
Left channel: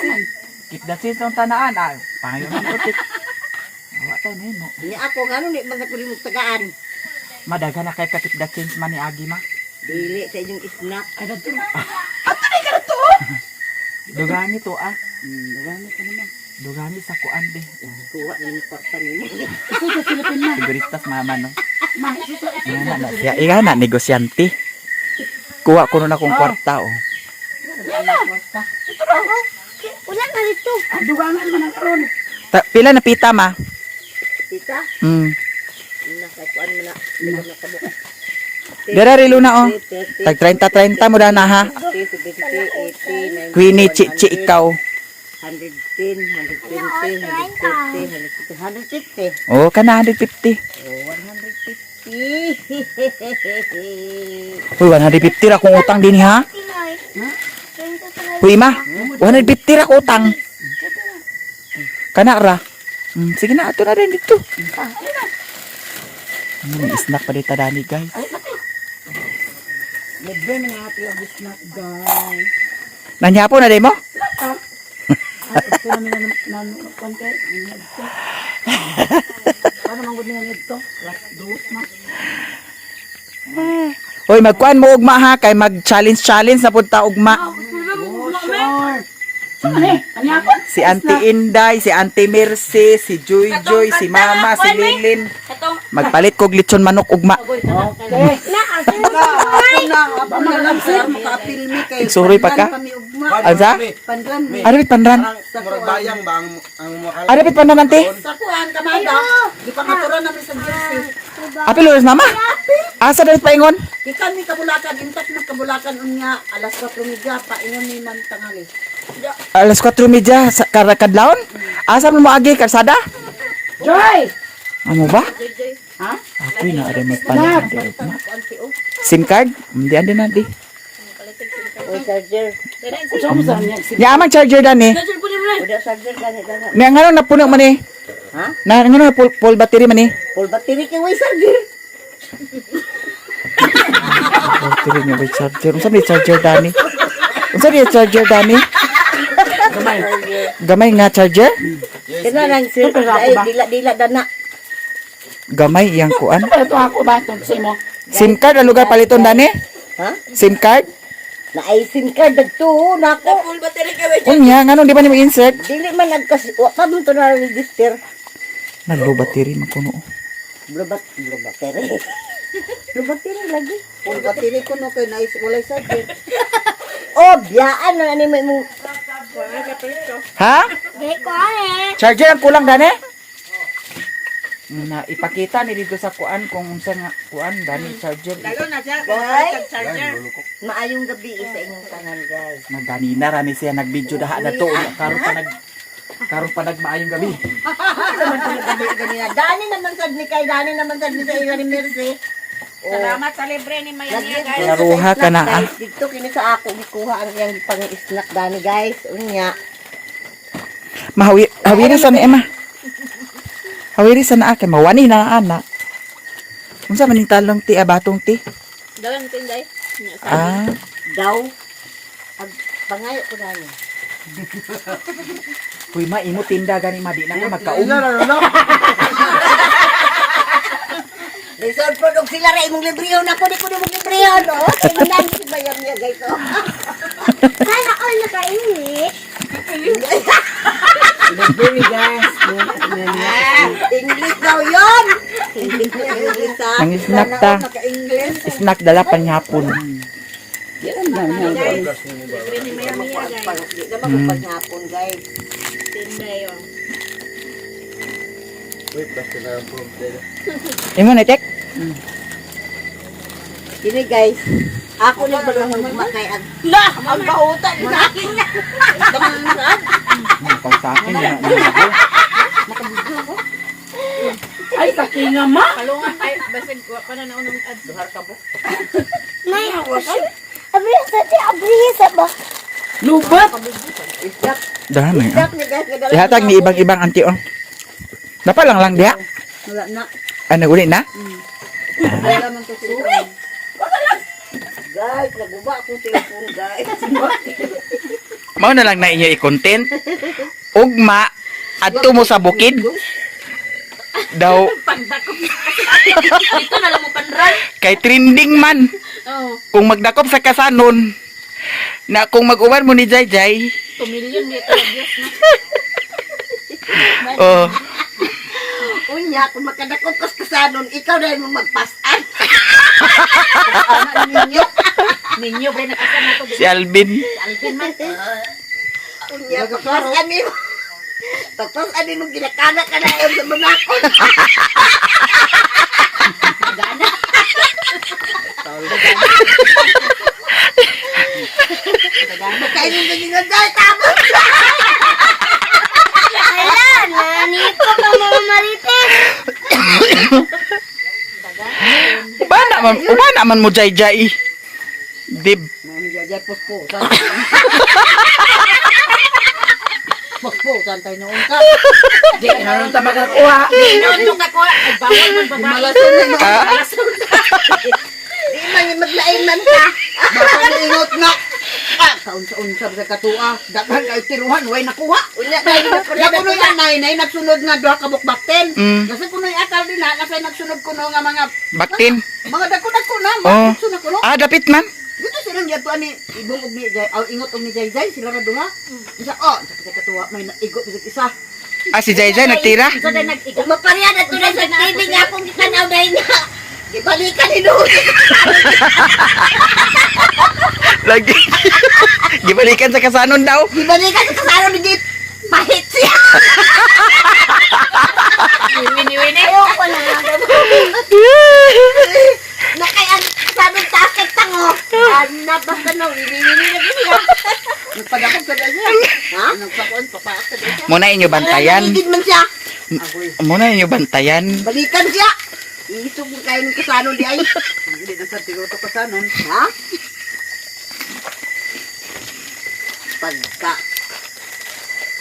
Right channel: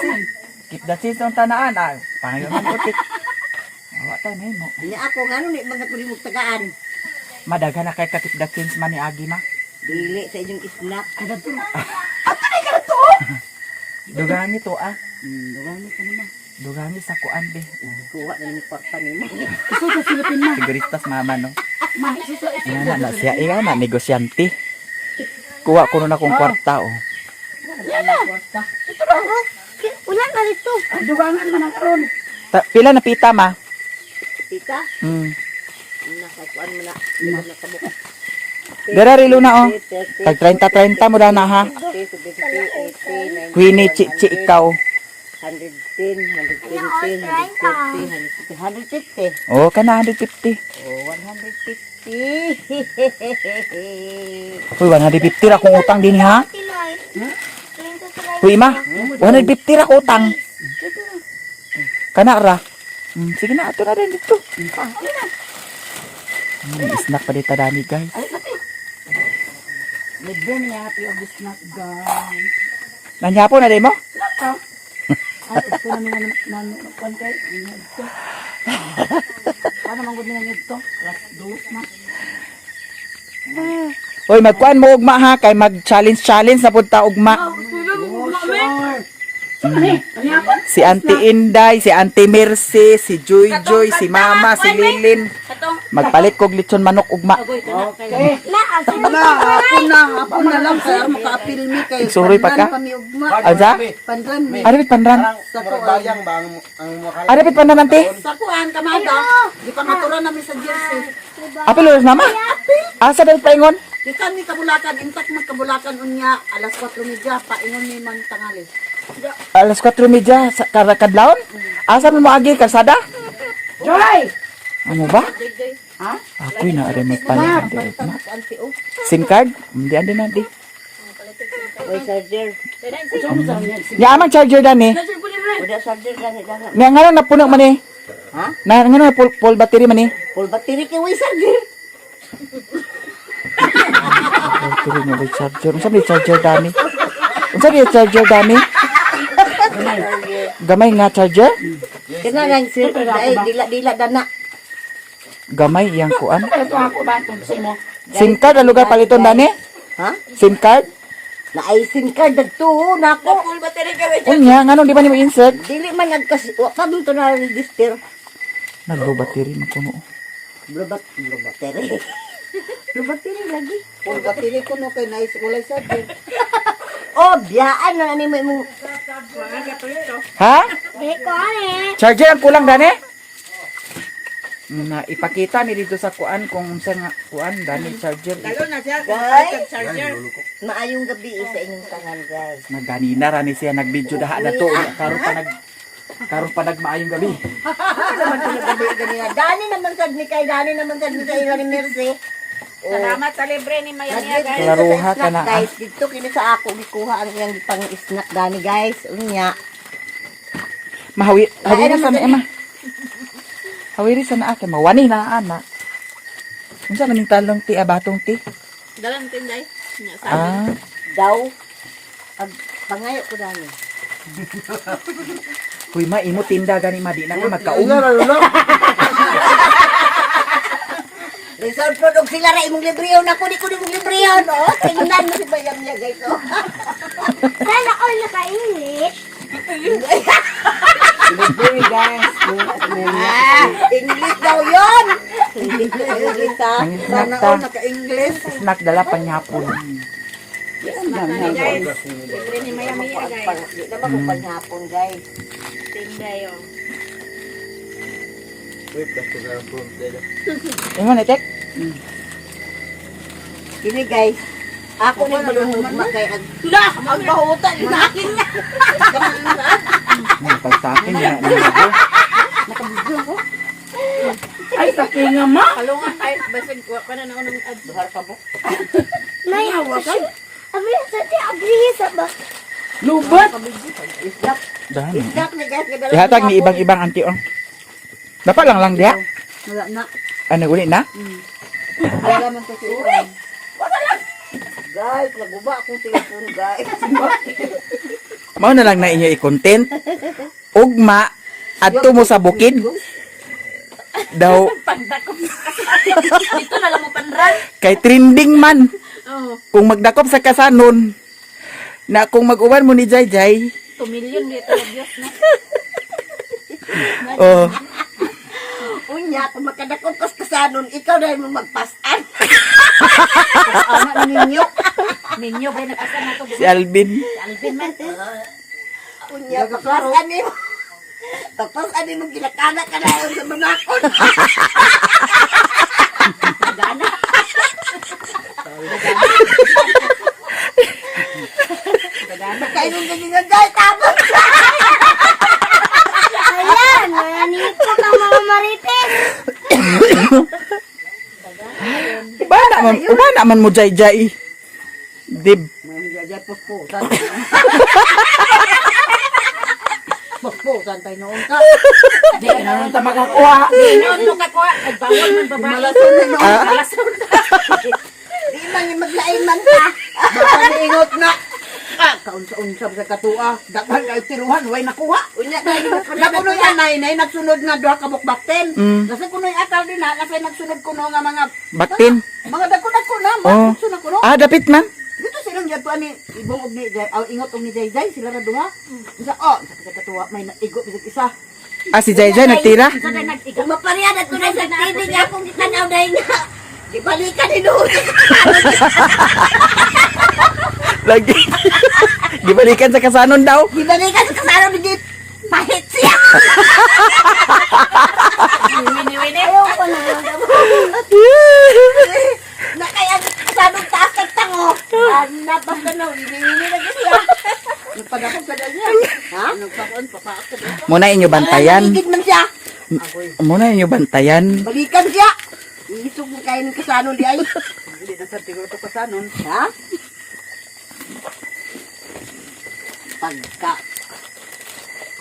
Keep the change ng tanaan. Ah, pangayon man utik. Awa tayo na mo. Niya ako ngano ni mga kulimog tagaan. Madaghan na kay ka keep the change man ni Agi ma. Dili sa inyong snap. Kada to. Dugan nito ah. Dugan ko naman. Dugani sa kuan be. Kuha na yung partan mo. Ito sa Philippine ma. Siguristas mama no. Ma, ito. Ingana na siya. Ingana negosyante. Kuha ko na akong kwarta oh. Wala na rito. Dugangan man ang karon. Pila na pita ma? Tita, nakakuan mo na. Nakabuk. Dara rilo na oh. Tag 30 mo na ha. 70, 80, 90, Queenie Chichi ikaw. 110, 120, 150, 150. Oh, kana 150. Oh, 150. Uy, 150 ra kong utang din ha. Tinoy. Uy ma, 150 ra ko utang. Kana ra. Sige na, ato na rin dito. Snack pa dito dani guys. Libre na natin ang snack guys. Nanyapo na din mo? At ito namin na kuan kay. Paano manggod niya nito? Last dos ma. Uy, magkuan mo ugma ha, kay mag-challenge na punta ugma. Ani ako? Si Auntie Inday, si Auntie Mercy, si Joy Joy, si Mama, si Lilin. Magpalit kog lechon manok ugma. Ako na lang sir, makaapil mi kay. Sorry pa ka? Aza? Pandran mi. Arabit pandan. Dayang ba ang Arabit pandan ante. Sa kuan kamada. Di pa maturan namin sa jersey. Apil ulos mama. Asa dapat paingon? Gikan ni kabulakan, intak man kabulakan unya alas 4:30 paingon ni man tangali. Alas 4:30 sa kadlawon. Asa mo maagi kalsada? Joy! Amo ba? Ha? Ako na ari magpalit ante ugma. Kuan si o. SIM card? Hindi ande na di. O charger. Ya amang charger dani. Udah charger gani gani. Na ngano na puno man eh. Ha? Na ngano na full battery man eh. Full battery kay way charger. Battery nga may charger. Unsa may charger dani? Unsa may charger dani? Gamay nga charger? Kana lang sir, ay dila dana. Gamay yang kuan. Ito ako ba itong kasi mo? SIM card ang lugar paliton dani? Ha? SIM card? Na ay SIM card dagto nako. Unya ngano di ba nimo insert? Dili man nagkas wa pa mo to na register. Naglo battery man kuno. Blue battery. Blue battery lagi. Full battery ko no kay nice wala charger. Oh, biyaan na ani mo. Ha? Dahil ko Charger ang kulang dani? Na ipakita ni dito sa kuan kung unsa nga kuan dani charger. Maayong gabi sa inyong tanan guys. Naganina ra ni siya nagvideo daha na to karon pa nagmaayong gabi. Naman ko gabi ganina. Dani naman sad ni kay Dani naman sad ni sa ila ni Mercy. Salamat sa libre ni Mayania, guys. Naruha ka na, guys. Dito kini sa ako gikuha ang yang pang snack Dani guys. Unya. Hawiri sa na Emma. Hawiri sa na akin mawani na ana. Unsa man ning talong ti abatong ti? Dalang tinday. Ah, Daw. Pangayo ko Dani. huy ma imo tinda gani madi na ka magkaum. Resort product sila ra imong librehon ako di ko imong librehon. Oh, tingnan mo si bayam niya guys. Oh. Sana all naka-English. Library guys. English daw 'yon. English ha. Ang snack ta. Naka-English. Snack dala panyapon. Libre ni Mayania, guys. Di naman ko panyapon guys. Tinday, oh. Imo na tek? Kini guys, ako na balon kay ang bahutan ni akin. Pag sa akin na na. Ay, sakinga ma. Kalungan tayo. Basag ko pa na naunong ad. Duhar ka po. Nay, abriya sa ti, abriya sa ba? Lubat. Isdak. Dami. Isdak ni guys. Ihatag ni ibang-ibang anti on. Dapat lang diha. Wala na. Ano uli na? Wala man to siya. Guys, naguba akong cellphone guys. Mao na lang na inyo i-content. Ugma adto mo sa bukid. Daw Ito na lang mo panran. kay trending man. Oh, Kung magdakop sa kasanon na kung mag-uwan mo ni Jayjay, 2 million dito. Diyos na. Oh. Unya, kung makadakot kas kasanon, ikaw na yung magpasan. Ano ninyo? Ninyo, ba nakasama ko. Si Alvin. Alvin man. Unya, tapos ano tapos ano yung ginakana ka na sa manakon. Gana. Magkainom ka din dahil tapos. Kailan? Nanipo ka mga marites. Uba naman mo jay-jay. Dib. Nangyayay po. Puspusan tayo noon ka. Di ka na lang makakuha. Ano ka ko? Ay, bawal man babae. Malason na noon. Di man yung maglaingnan ka. Baka niingot na. Kaunsa-unsa sa katua. Dapat kayo tiruhan, way nakuha. Nakunoy anay, nagsunod nga doha kabukbakten. Kasi kunoy atal din na, kasi nagsunod kuno nga mga... Baktin. Mga dako-dako na, Oh. mga nagsunod kuno. Ah, dapit man. Dito silang yato ani ibong og ni Jay, ingot og ni Jay sila ra duha. Isa sa katuwa may naigo bisag isa. Ah, si Jay-Jay nagtira. Sa day nag-iga. Kung mapariyad ato na sa TV nga kung gitanaw dahil nga. Ibalikan ni doon. Lagi. Gibalikan sa kasanon daw. Ibalikan sa kasano ni Jeep. Pahit siya. Wini-wini. Ayoko na. Nakaya kasanong taas kag tango. Napas ka no, ini na siya. Nagpadakot ka niya. Ha? Nagpakuan papaak ka niya. Muna inyo bantayan. Higit man siya. Muna inyo bantayan. Balikan siya. Isog mo kayo ng kasano di ay. Hindi na sa tiguro to kasanon. Ha? Pagka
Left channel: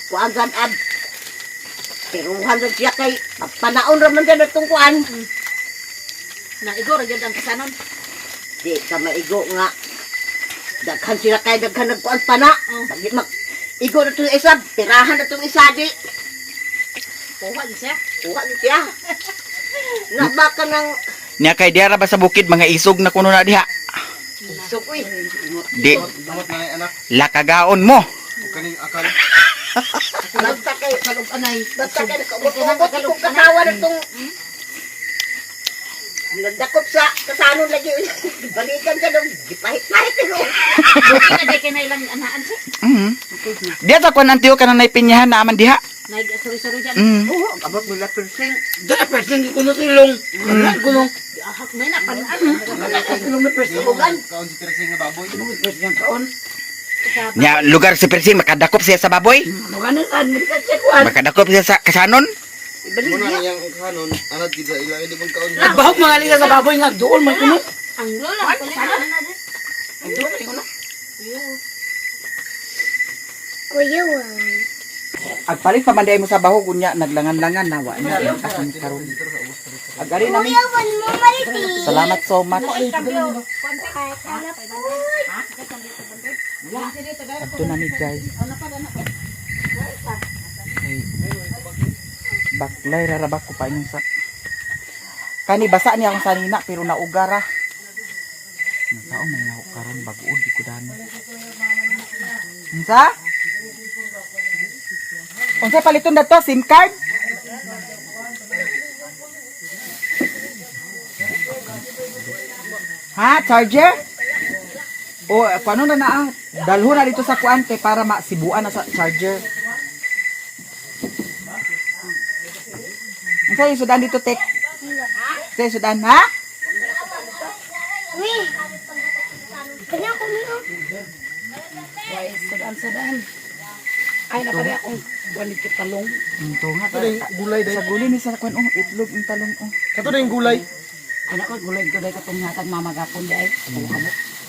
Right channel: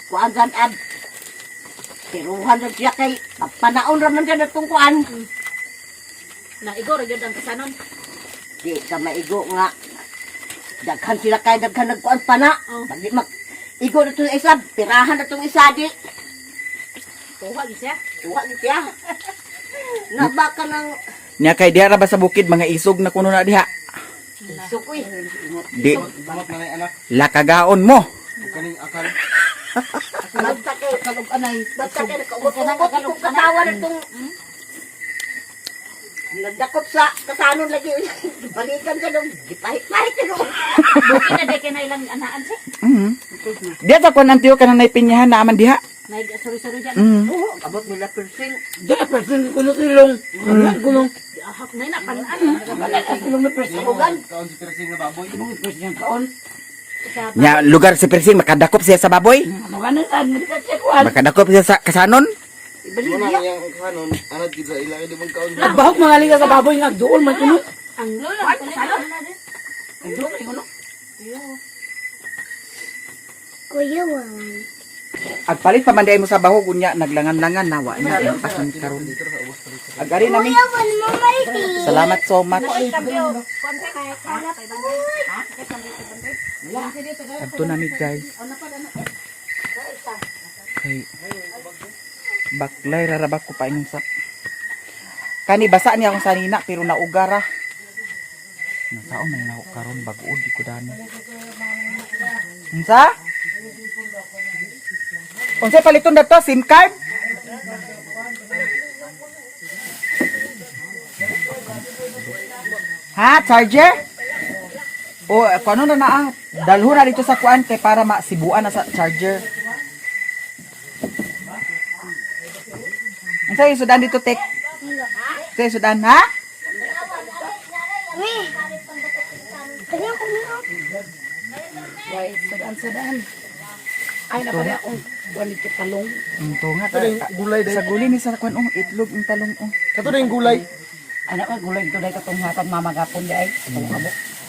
kuan san ab. Tiruhan na siya kay panaon raman dyan itong kuan. Naigo ra gyud ang kasanon. Di ka maigo nga. Daghan sila kay daghan nagkuan pana. Pag mag igo na itong isa, tirahan na itong isa di. Tuwa gyud siya. Tuwa ni siya. Nabaka ng Niya kay diara ba sa bukid mga isog na kuno na diha. isok uy. Di Bangot na anak. lakagaon mo. Kaning akal. Basta kay kalog anay. Basta kay nakaubot kung katawan itong nagdakop sa kasanon lagi. Balikan ka daw. Gipahit-pahit ko. Buki na day kay na ilang anaan siya. Diya sa kuan antiyo ka na naipinyahan na aman diha. Nag-suri-suri dyan. Oo, abot nila persing. Dala person ko no silong. Gulong. Ahak may napanaan. Silong na person. Ugan. Kaon si Teresing nga baboy. Person kaon. Nya lugar si Persing makadakop siya sa baboy. Ano ka na saan? Kasi kuhan. Makadakop siya sa kasanon. Ibalik Muna niya. yang kanon, anad kita ilang hindi man kaon. Nagbahok mga liga sa baboy nga doon man kuno. Ang lola. Ang kasanon na din. Kuya, Agpalit pa man mo sa baho kunya naglangan-langan nawa na asin karon. Agari nami. kuya, wala mo marites. Salamat so much. Adto nami guys. Ay. Baklay rarabak ko pa inyong sa. Kani basa niya akong sanina pero naugara. Nataon may naho karon baguod di ko dano. Unsa? Unsa paliton dato SIM card? Ha, charger? O, paano na ang dalho na dito sa kuan kay para masibuan na sa charger. Unsa yung sudan dito, Tek? Unsa yung sudan, ha? Kanya ko niyo. Guys, sadaan. Ay na pala akong balik talong. Ito nga, Gulay din. sa guli ni sa kuan, itlog ng talong, Kato na yung gulay. Anak ka gulay ko dai katong hatag mamagapon dai.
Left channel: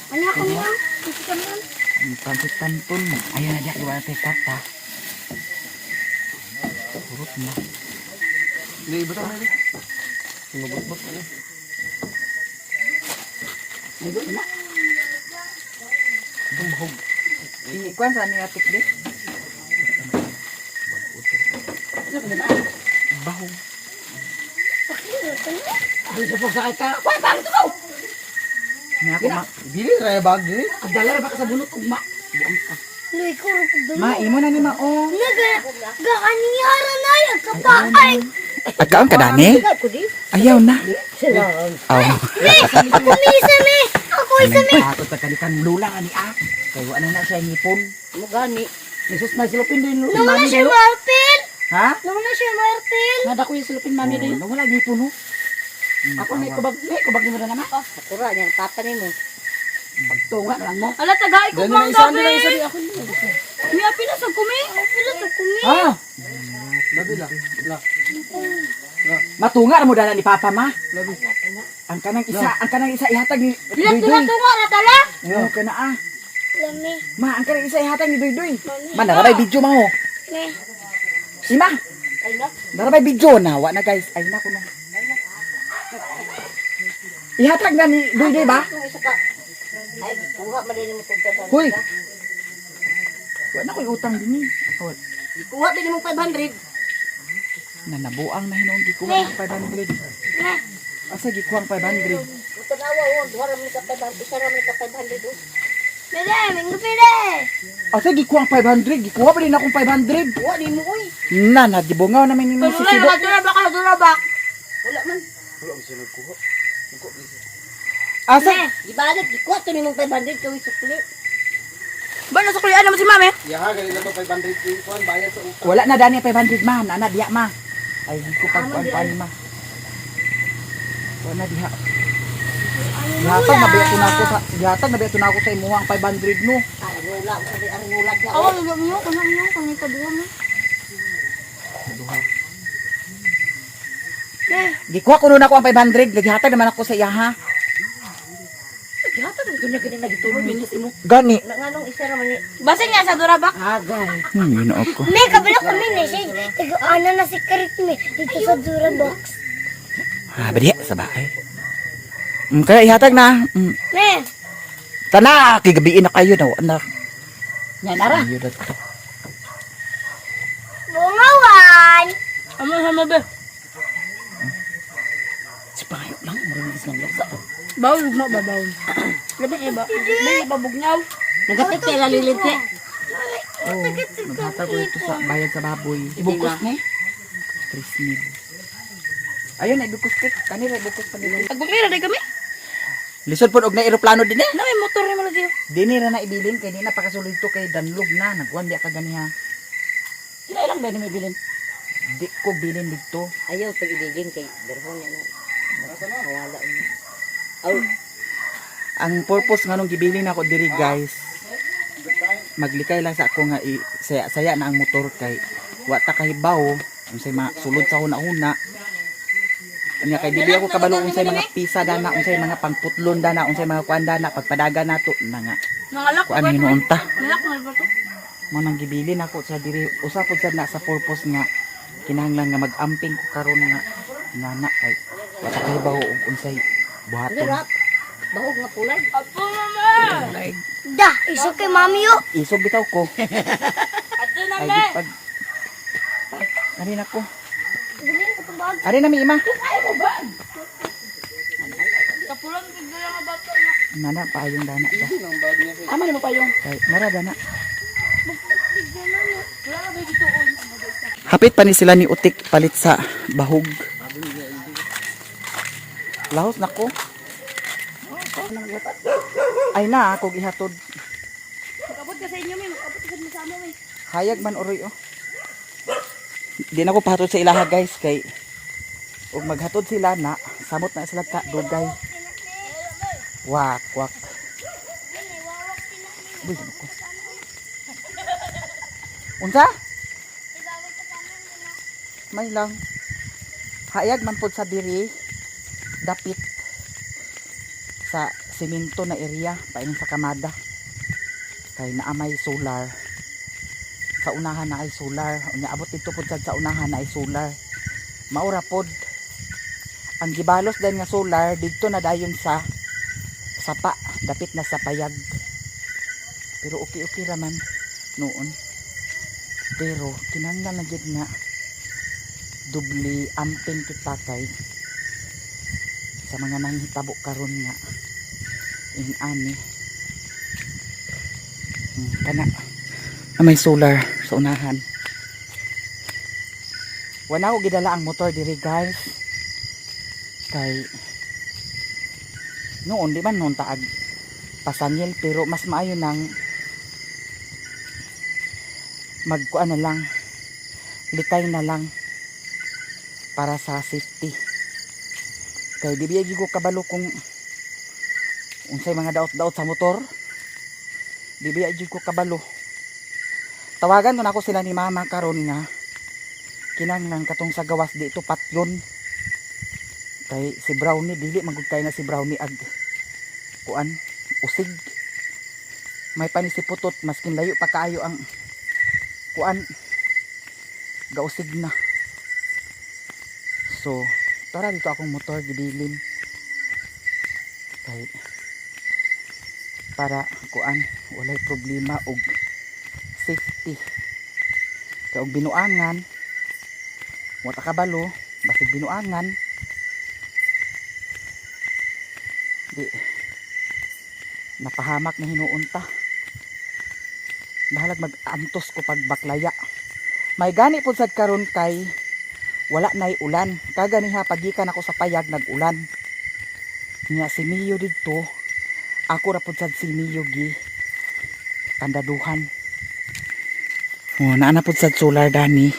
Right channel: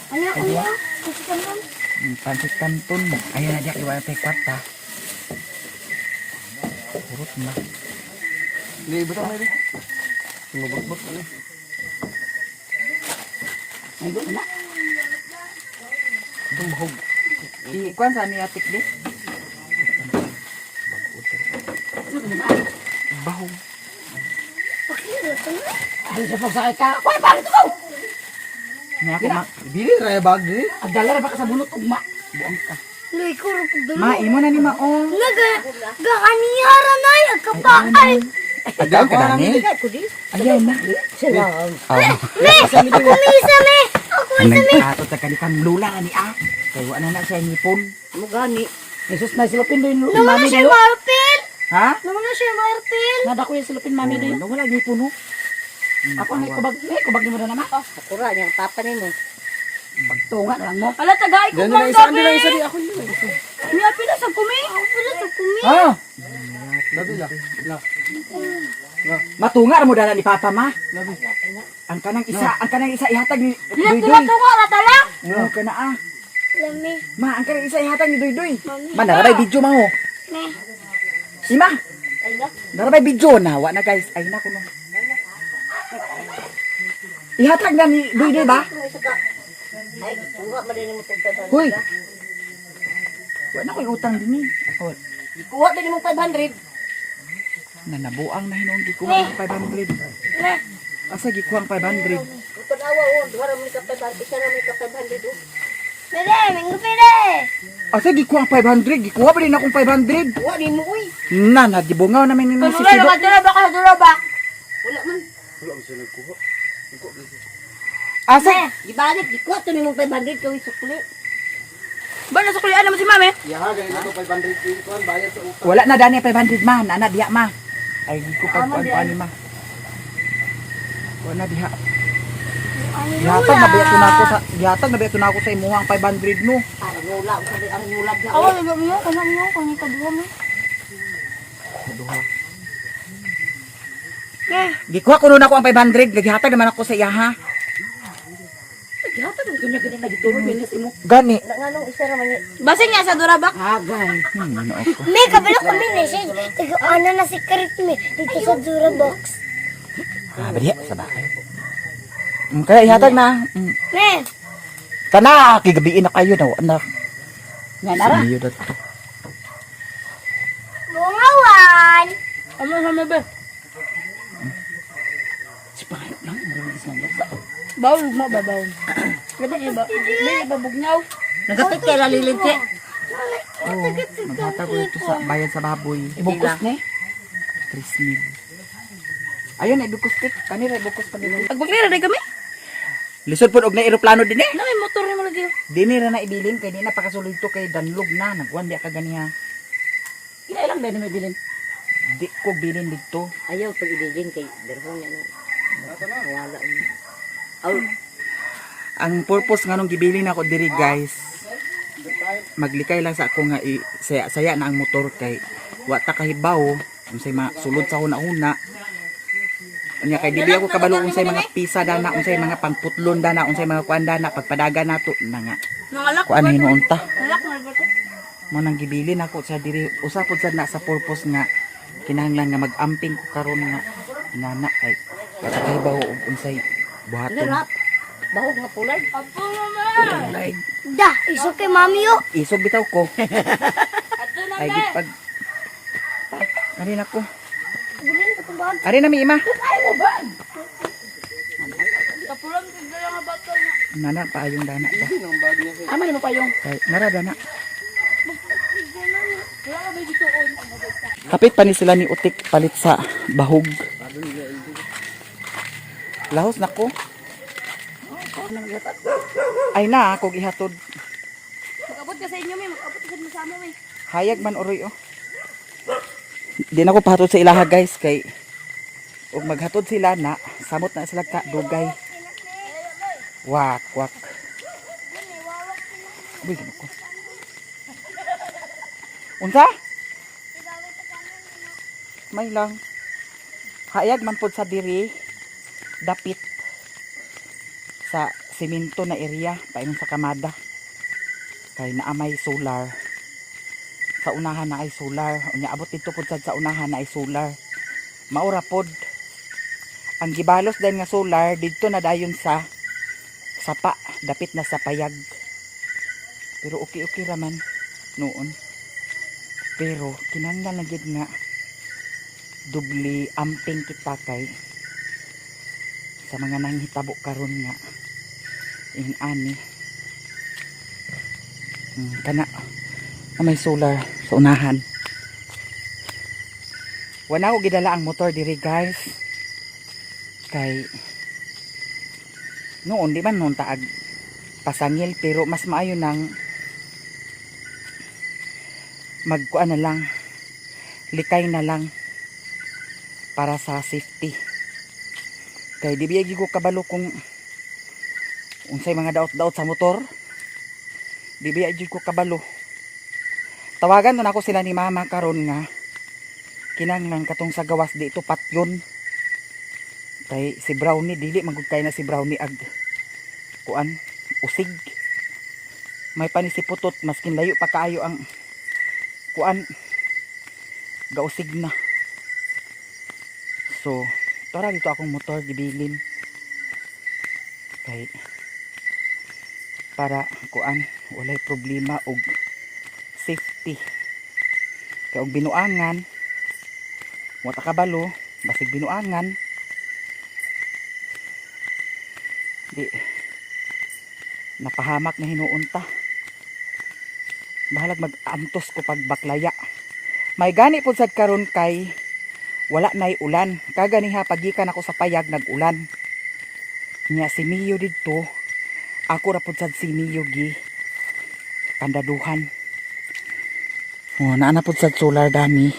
Kanya ko niyo. Gusto ka mo. Pansit-tanton. Ayun na diyak, iwan natin kwarta. Purot na. Libat na rin. Ikuan sa ni atik di? Baho. Di sa pagsakay ka. Kuya pa ito. Nga ako Bili na yung bag din. Agdala ra ba ka sa bulot ugma? Luy ko rin ko Ma, imo na ni ma, oh. Gakanihara na yung kapay. Agkaon ka dani? Ayaw na. Oh. Kumisa me. Ako isa me. Ato sa kanikang lula nga ni ah. Kaya wala na siya ngipon. Mo gani. Jesus na silupin do yung Naman na mami siya do. marpil. Ha? Naman na siya marpil. Nada ko yung silupin mami do. Oh, wala ngipon, oh. Ako may kubag mo na naman. Sakura niya, papa ni mo. Pagtunga na lang mo. Ala tagay ko Dali na mang isa, gabi. dali na isa di ako. Niya pila sa kumi. Ang pila sa kumi. Ah, Labi lang. matunga mo dala ni Papa ma. Labi. Ang kanang isa ihatag ni Niya Duydoy. tunga na tala. Oo, kana ah. Lami. Ma, ang kanang isa ihatag ni Duydoy. Ma, narabay video ma ho. Me. Ima. Narabay video na, wa na guys. Ay na ko no. Ihatag na ni Duydoy ba? Ay, kuha ba din mo tagtasan? Hoy. Wa na ko'y utang din eh. Oh, Kuha ba din mo 500? nanabuang na hinuong gikuha ng 500. Me. Asa gikuha ang 500? Ito na awa, duha mo ka 500, isa naman ka 500. Pide, minggu pide. Asa gikuha ang 500? Gikuha ba din akong 500? Kuha din mo, uy. Na, nagibungaw namin ni si Sido. Durabak ka, durabak. Wala man. Asa? Gibalik, gikuha to ni mo 500 kawin sukli. Ba na sa kulian naman si mami? Yaha, ganyan ako 500 kuhan, bayad sa upa. Wala na dani 500 ma, nana diha ma. Ay di ko pagkuan ni ma. Wala diha. Gihatag na biya tunako sa imuhang 500 no. Ay, wala ko sa ang wala niya. Awan, nyo, kanya kaduwa mo. Duha. Gikuha ko nun ako ang 500, gagihatag naman ako sa iya ha. Gihata din kunya gid nagitulog ni mo. Gani. Nganong isa naman ni. Basin niya sa durabak. Agay. Ginaot ko. Me, kabila kami na siya. Tigo, ano na si Karit me. Dito sa Durabox. Ah, diha sa bahay. Kaya ihatag na. Me. Kana, kigabiin na kayo daw. Anak. Yan ara. Ayo dato. Bungawan. Ano sama ba? Si Payo lang, marunong isang laksa. Bawal mo ba bawal? Gabi iba. May babugnaw. Nagapit kay lalilig kay. Oh, maghatag ko ito sa bayad sa baboy. Ibukos ni. 3,000. Ayun, ibukos ko. Kanira, ibukos pa nila. Pagbuklira day kami. Lisod po, og na aeroplano din eh. Nay motor mo lagi. Dini ra na ibilin, kay di na pakasulid to kay danlog na. Nagwan di ka ganiha. Kailan ba ni bilin? Di ko bilin dito. Ayaw pag idigin kay derhon niya. Wala mo. Aw, Ang purpose nga nung gibilin ako diri guys, maglikay lang sa ako nga saya na ang motor kay wa ta kahibaw unsay sulod sa hunahuna. Unya kay dibi ako kabalo unsay mga pisa dana, unsay mga pangputlon dana, unsay mga kuan dana pagpadaga nato na nga. Nangalak. Kuan hinuon ta. Nangalak na ba to? Mo nang gibilin ako sa diri usapod sad na sa purpose nga kinahanglan nga mag-amping ko karon nga nana kay wa ta kahibaw og unsay buhaton. narap. Bahog nga pulay. Da, iso kay mami yo. Isog bitaw ko. Ay gipag. Ari na ko. Ari na mi ima. Nana pa yung dana ta. Ama ni mo pa yung. Kay nara dana. Kapit pa ni sila ni Utik palit sa bahog. Lahos na ko. Ay na ako gihatod. Mag-abot ka sa inyo, me. Mag-abot ka sa mo, me. Hayag man oroy oh. Di na ko pahatod sa ilaha guys kay ug maghatod sila na samot na sila ka dugay. Wak wak. Uy, ko. Unsa? May lang. Hayag man pod sa diri dapit sa simento na area painom sa kamada. Kay naamay solar. Sa unahan na ay solar. Unya abot dito pod sa unahan na ay solar. Maura pod. Ang gibalos din nga solar dito na dayon sa sapa, dapit na sa payag. Pero okay raman noon. Pero kinahanglan na gid nga dubli amping kita kay sa mga nanghitabo karon nga ani kana na may solar sa unahan. Wala ko gidala ang motor diri guys. Kay noon di man noon taag pasangil, pero mas maayo nang magkuan na lang, likay na lang para sa safety. Kay di biyagi ko kabalo kung unsay mga daot-daot sa motor. Di biyagi ko kabalo. Tawagan nun ako sila ni mama karon nga kinanglan katong sa gawas di ito patyon. Kay si Brownie dili magugkay na si Brownie ag kuan usig. May panisiputot maskin layo pa kaayo ang kuan gausig na. So tara dito akong motor gibilin kay para kuan walay problema og safety. Kay og binuangan wata kabalo basig binuangan di napahamak na hinuunta. Bahalag mag-antos ko pag baklaya. May gani po sad karon kay wala nay ulan. Kaganiha pagikan ako sa payag nag-ulan. Nya si Mio didto, ako ra pud sad si Mio gi kandaduhan. Oh, naana pud sad solar dani.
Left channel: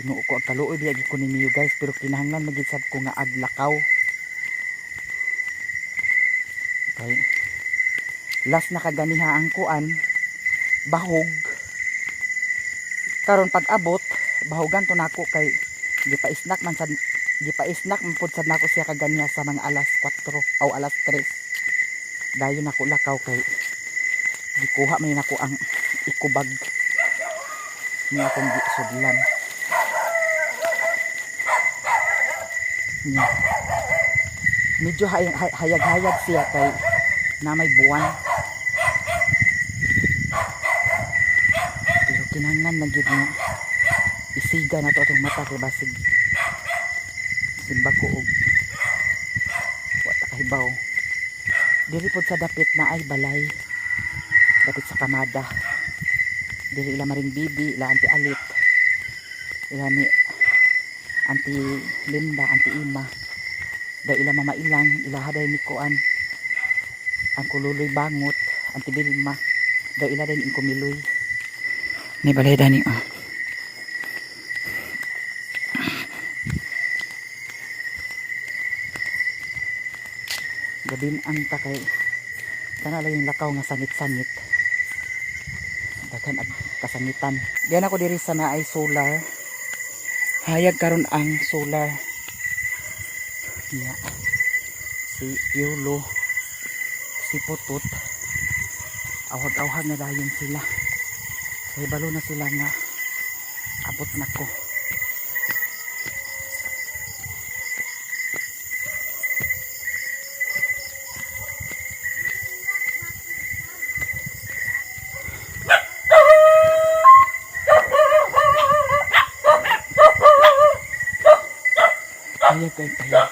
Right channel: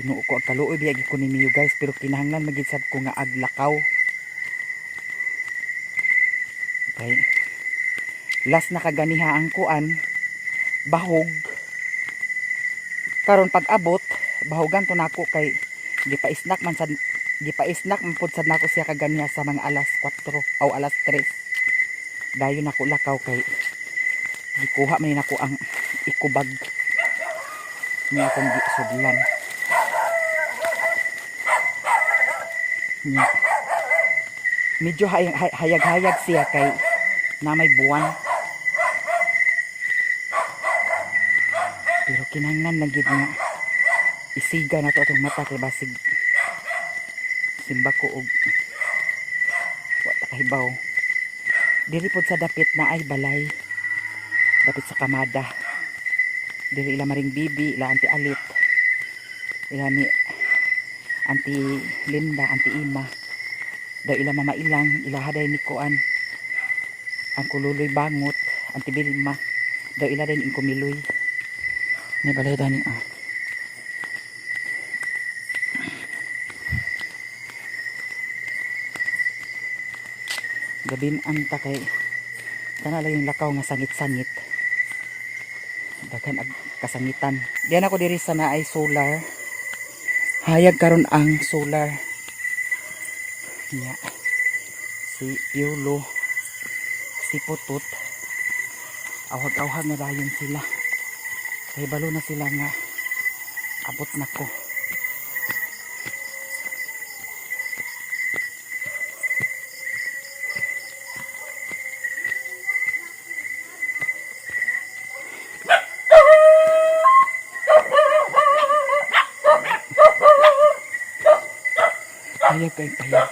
Binuo ko ang kaluoy biyagi ko ni Mio guys, pero kinahanglan magid sad ko nga aglakaw. Okay. Last na kaganiha ang kuan bahog. Karon pag abot bahogan to nako kay gipaisnak man pud sad nako siya kaganiha sa mga alas 4 o alas 3. Dayon nako lakaw kay gikuha man nako ang ikubag niya akong gisudlan. Yeah. Medyo hayag-hayag siya kay na may buwan. Pero kinahanglan na gid nga isiga na to atong mata kay basig simba ko og wala kahibaw. Diri pod sa dapit na ay balay. Dapit sa kamada. Diri ila maring bibi, ila anti Alit. Ila ni Auntie Linda, Auntie Ima. Daw ila mama ilang, ila haday ni Kuan. Ang kululoy bangot, Auntie Bilma. Daw ila din ang kumiloy. Ni balay dani oh. Gabin ang takay. Kana lang yung lakaw nga sangit-sangit. Daghan ag kasangitan. Diyan ako diri sa naay solar. Hayag karon ang solar niya. Si Piolo, si Putut, awag-awag na dayon sila. Kay balo na sila nga abot na ko. Payag kay payag.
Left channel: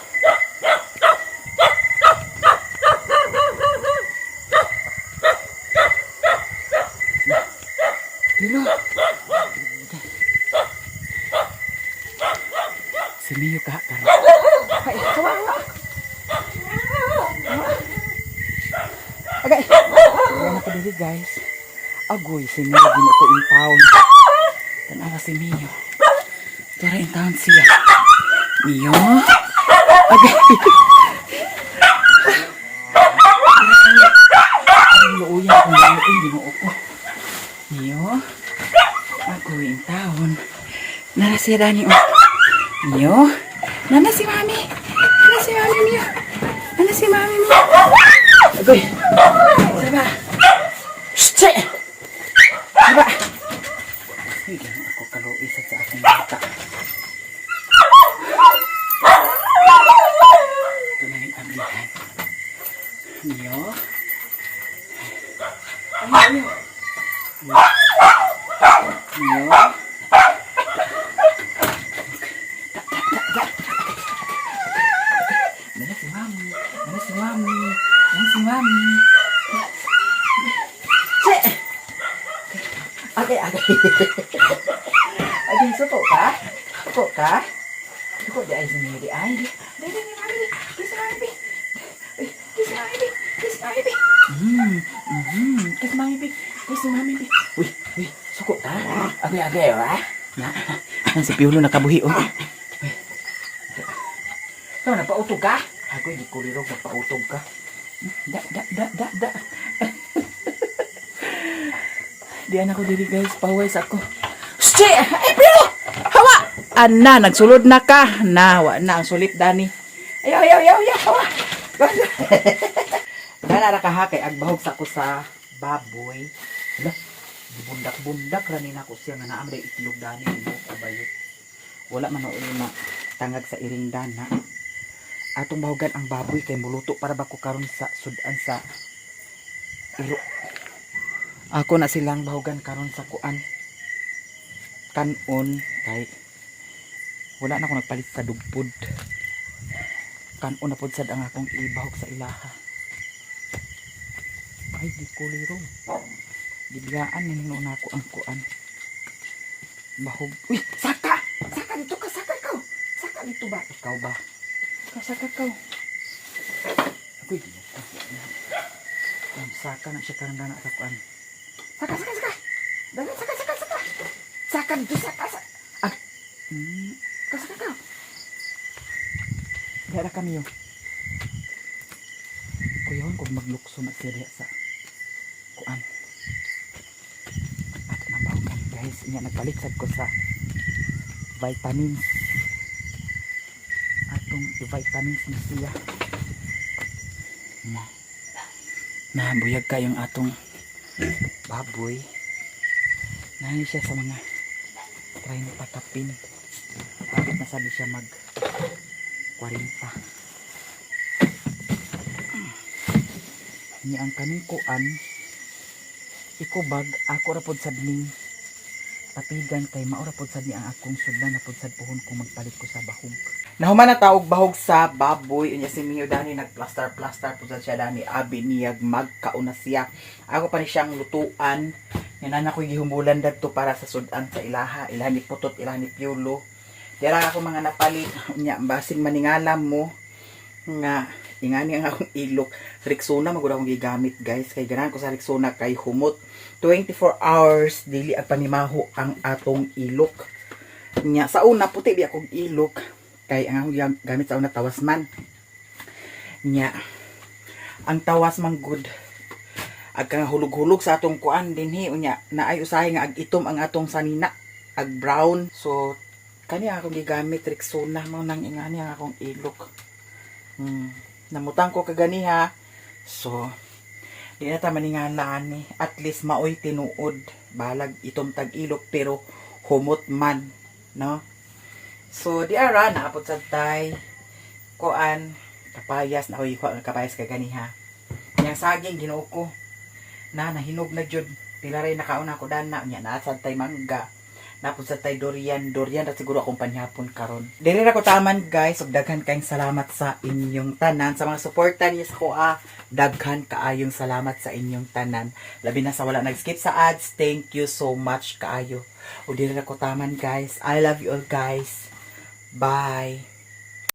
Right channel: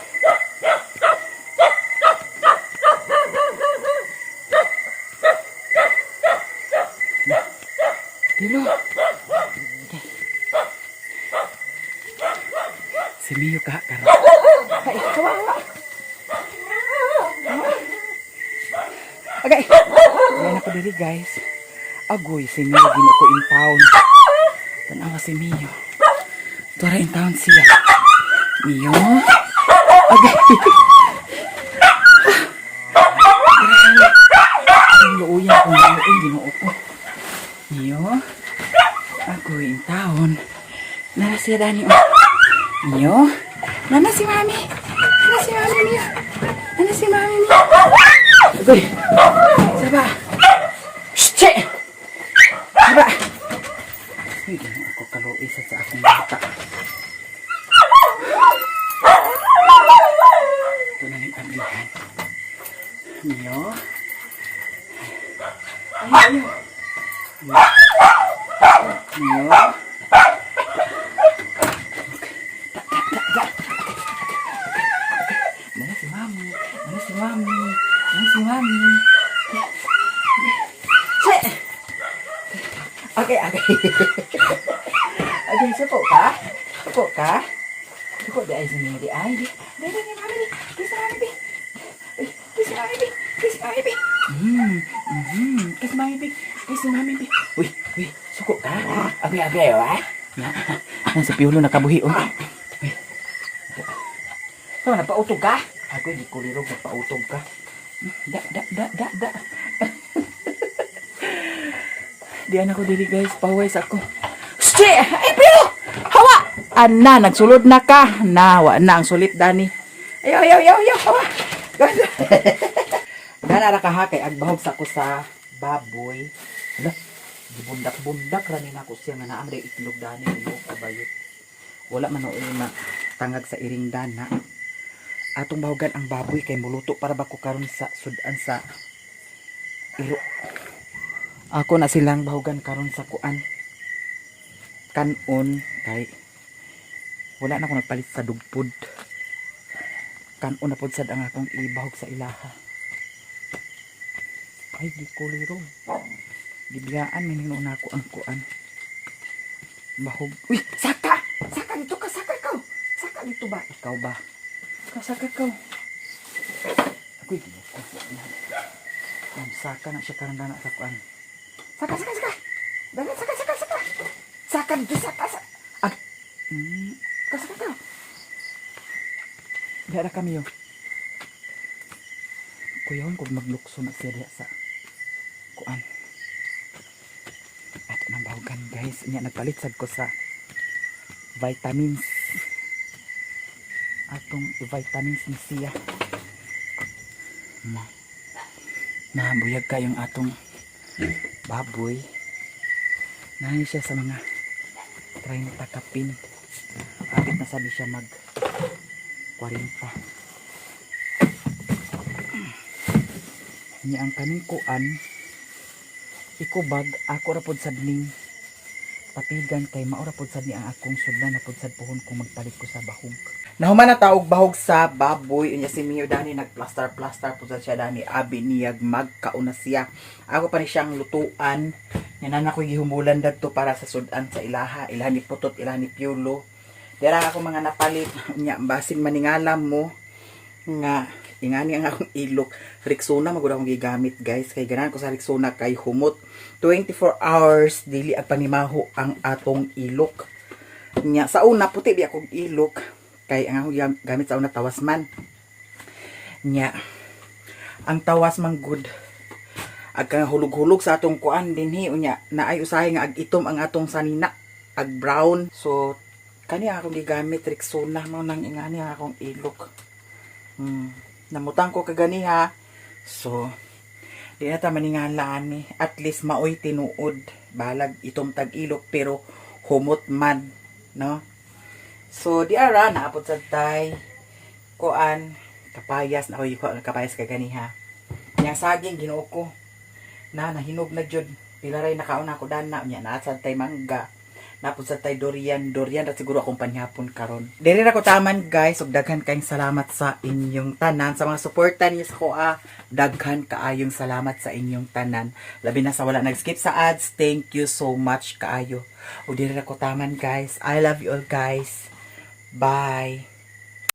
Dilo. Okay. Si Mio ka karon. Ay, kawawa. Okay. Yan ako diri guys. Agoy si Mio ginuko in town. Tanawa si Mio. Tura in town siya. Mio. Okay. Ang luuyan kong luuyan ginoo ko. Mio. Ako in town. Nana siya dani o. Mio. Nana si mami. Nana si mami Mio. Nana si mami Mio. Agoy. Saba. Shit. Saba. Hindi na ako kaluoy sa aking bata. Ito na yung ablihan. Mio. Ay, Mio. Mio. Mana si mami? Mana si mami? Mana si mami? Cek. Okay. Okay, suko ka? Suko ka? Suko di ay sini di ay. Di mami di. Kiss mami di. Uy, kiss mami di. Kiss mami di. Kiss mami di. Kiss mami di. Uy, suko ka? Okay, ha? Na si Piolo nakabuhi oh. Uy. Tama napautog ka? Ako hindi ko lirog napautog ka. Da. Diyan ako dili guys, pahuway sa ako. Shit! Ay, Piolo! Hawa! Ana, nagsulod na ka. Nawa na ang sulit, Dani. Ayaw, hawa! Ganara ka ha, kay agbahog sa ko sa baboy. Hala, bundak-bundak ranin ako siya nga naamday itlog, Dani. Kabayot. Wala man o na tangag sa iring dana. Atong bahogan ang baboy kay muluto para ba ko karon sa sudan sa iro. Ako na silang bahogan karon sa kuan. Kanon kay wala na ako nagpalit sa dugpod. Kanon na pod sad ang akong ibahog sa ilaha. Ay di ko liro. Bibiyaan ninyo na ako ang kuan. Bahog. Uy, saka! Saka dito ka, saka ikaw. Saka dito ba? Ikaw ba? Saka ikaw. Ako'y saka na siya karang dana sa kuan. Saka. Dala, saka. Saka dito, saka. Saka ka. Dara kami yun. Kuyawan kung maglukso na siya diya sa kuan. At nang bahugan guys. Inya nagpalitsad ko sa vitamins. Atong vitamins ni siya. Nabuyag kayong atong baboy. Nani siya sa mga 30 kapin. Kapit na sabi siya mag 40. Niya ang kaning kuan ikubag ako ra pod sad ning patigan kay maura pod sad ni ang akong sudlan na pod sad puhon kung magpalit ko sa bahog. Nahuman na taog bahog sa baboy unya si Mio Dani nagplaster pod sad siya Dani abi niyag magkauna siya. Ako pa ni siyang lutuan. Nana ko gihumulan dadto para sa sudan sa ilaha, ilaha ni Putot, ilaha ni Piolo. Dira ako mga napalit unya basig maningalam mo nga ingani ang akong ilok. Rexona magud akong gigamit guys kay ganahan ko sa Rexona kay humot 24 hours dili ang panimaho ang atong ilok. Nya sa una puti bi akong ilok kay ang akong gamit sa una tawas man. Nya ang tawas man good ag kang hulog-hulog sa atong kuan dinhi unya naay usahay nga ag itom ang atong sanina ag brown. So kani akong gigamit Rexona mao nang ingani ang akong ilok. Namutang ko kaganiha. So di na ta maningalaan ni at least maoy tinuod balag itong tag-ilok pero humot man no. So di ara naapod sa tay kuan kapayas na ko kapayas kaganiha. Yang saging Ginoo ko na nahinog na jud pilaray nakauna ko dana nya naa sa tay mangga napud sa tay durian at siguro akong panhapon karon. Dili ra ko taman guys ug daghan kayong salamat sa inyong tanan sa mga suporta niyo sa kuha. Daghan kaayong salamat sa inyong tanan. Labi na sa wala nag-skip sa ads. Thank you so much kaayo. Ug dili ra ko taman guys. I love you all guys. Bye.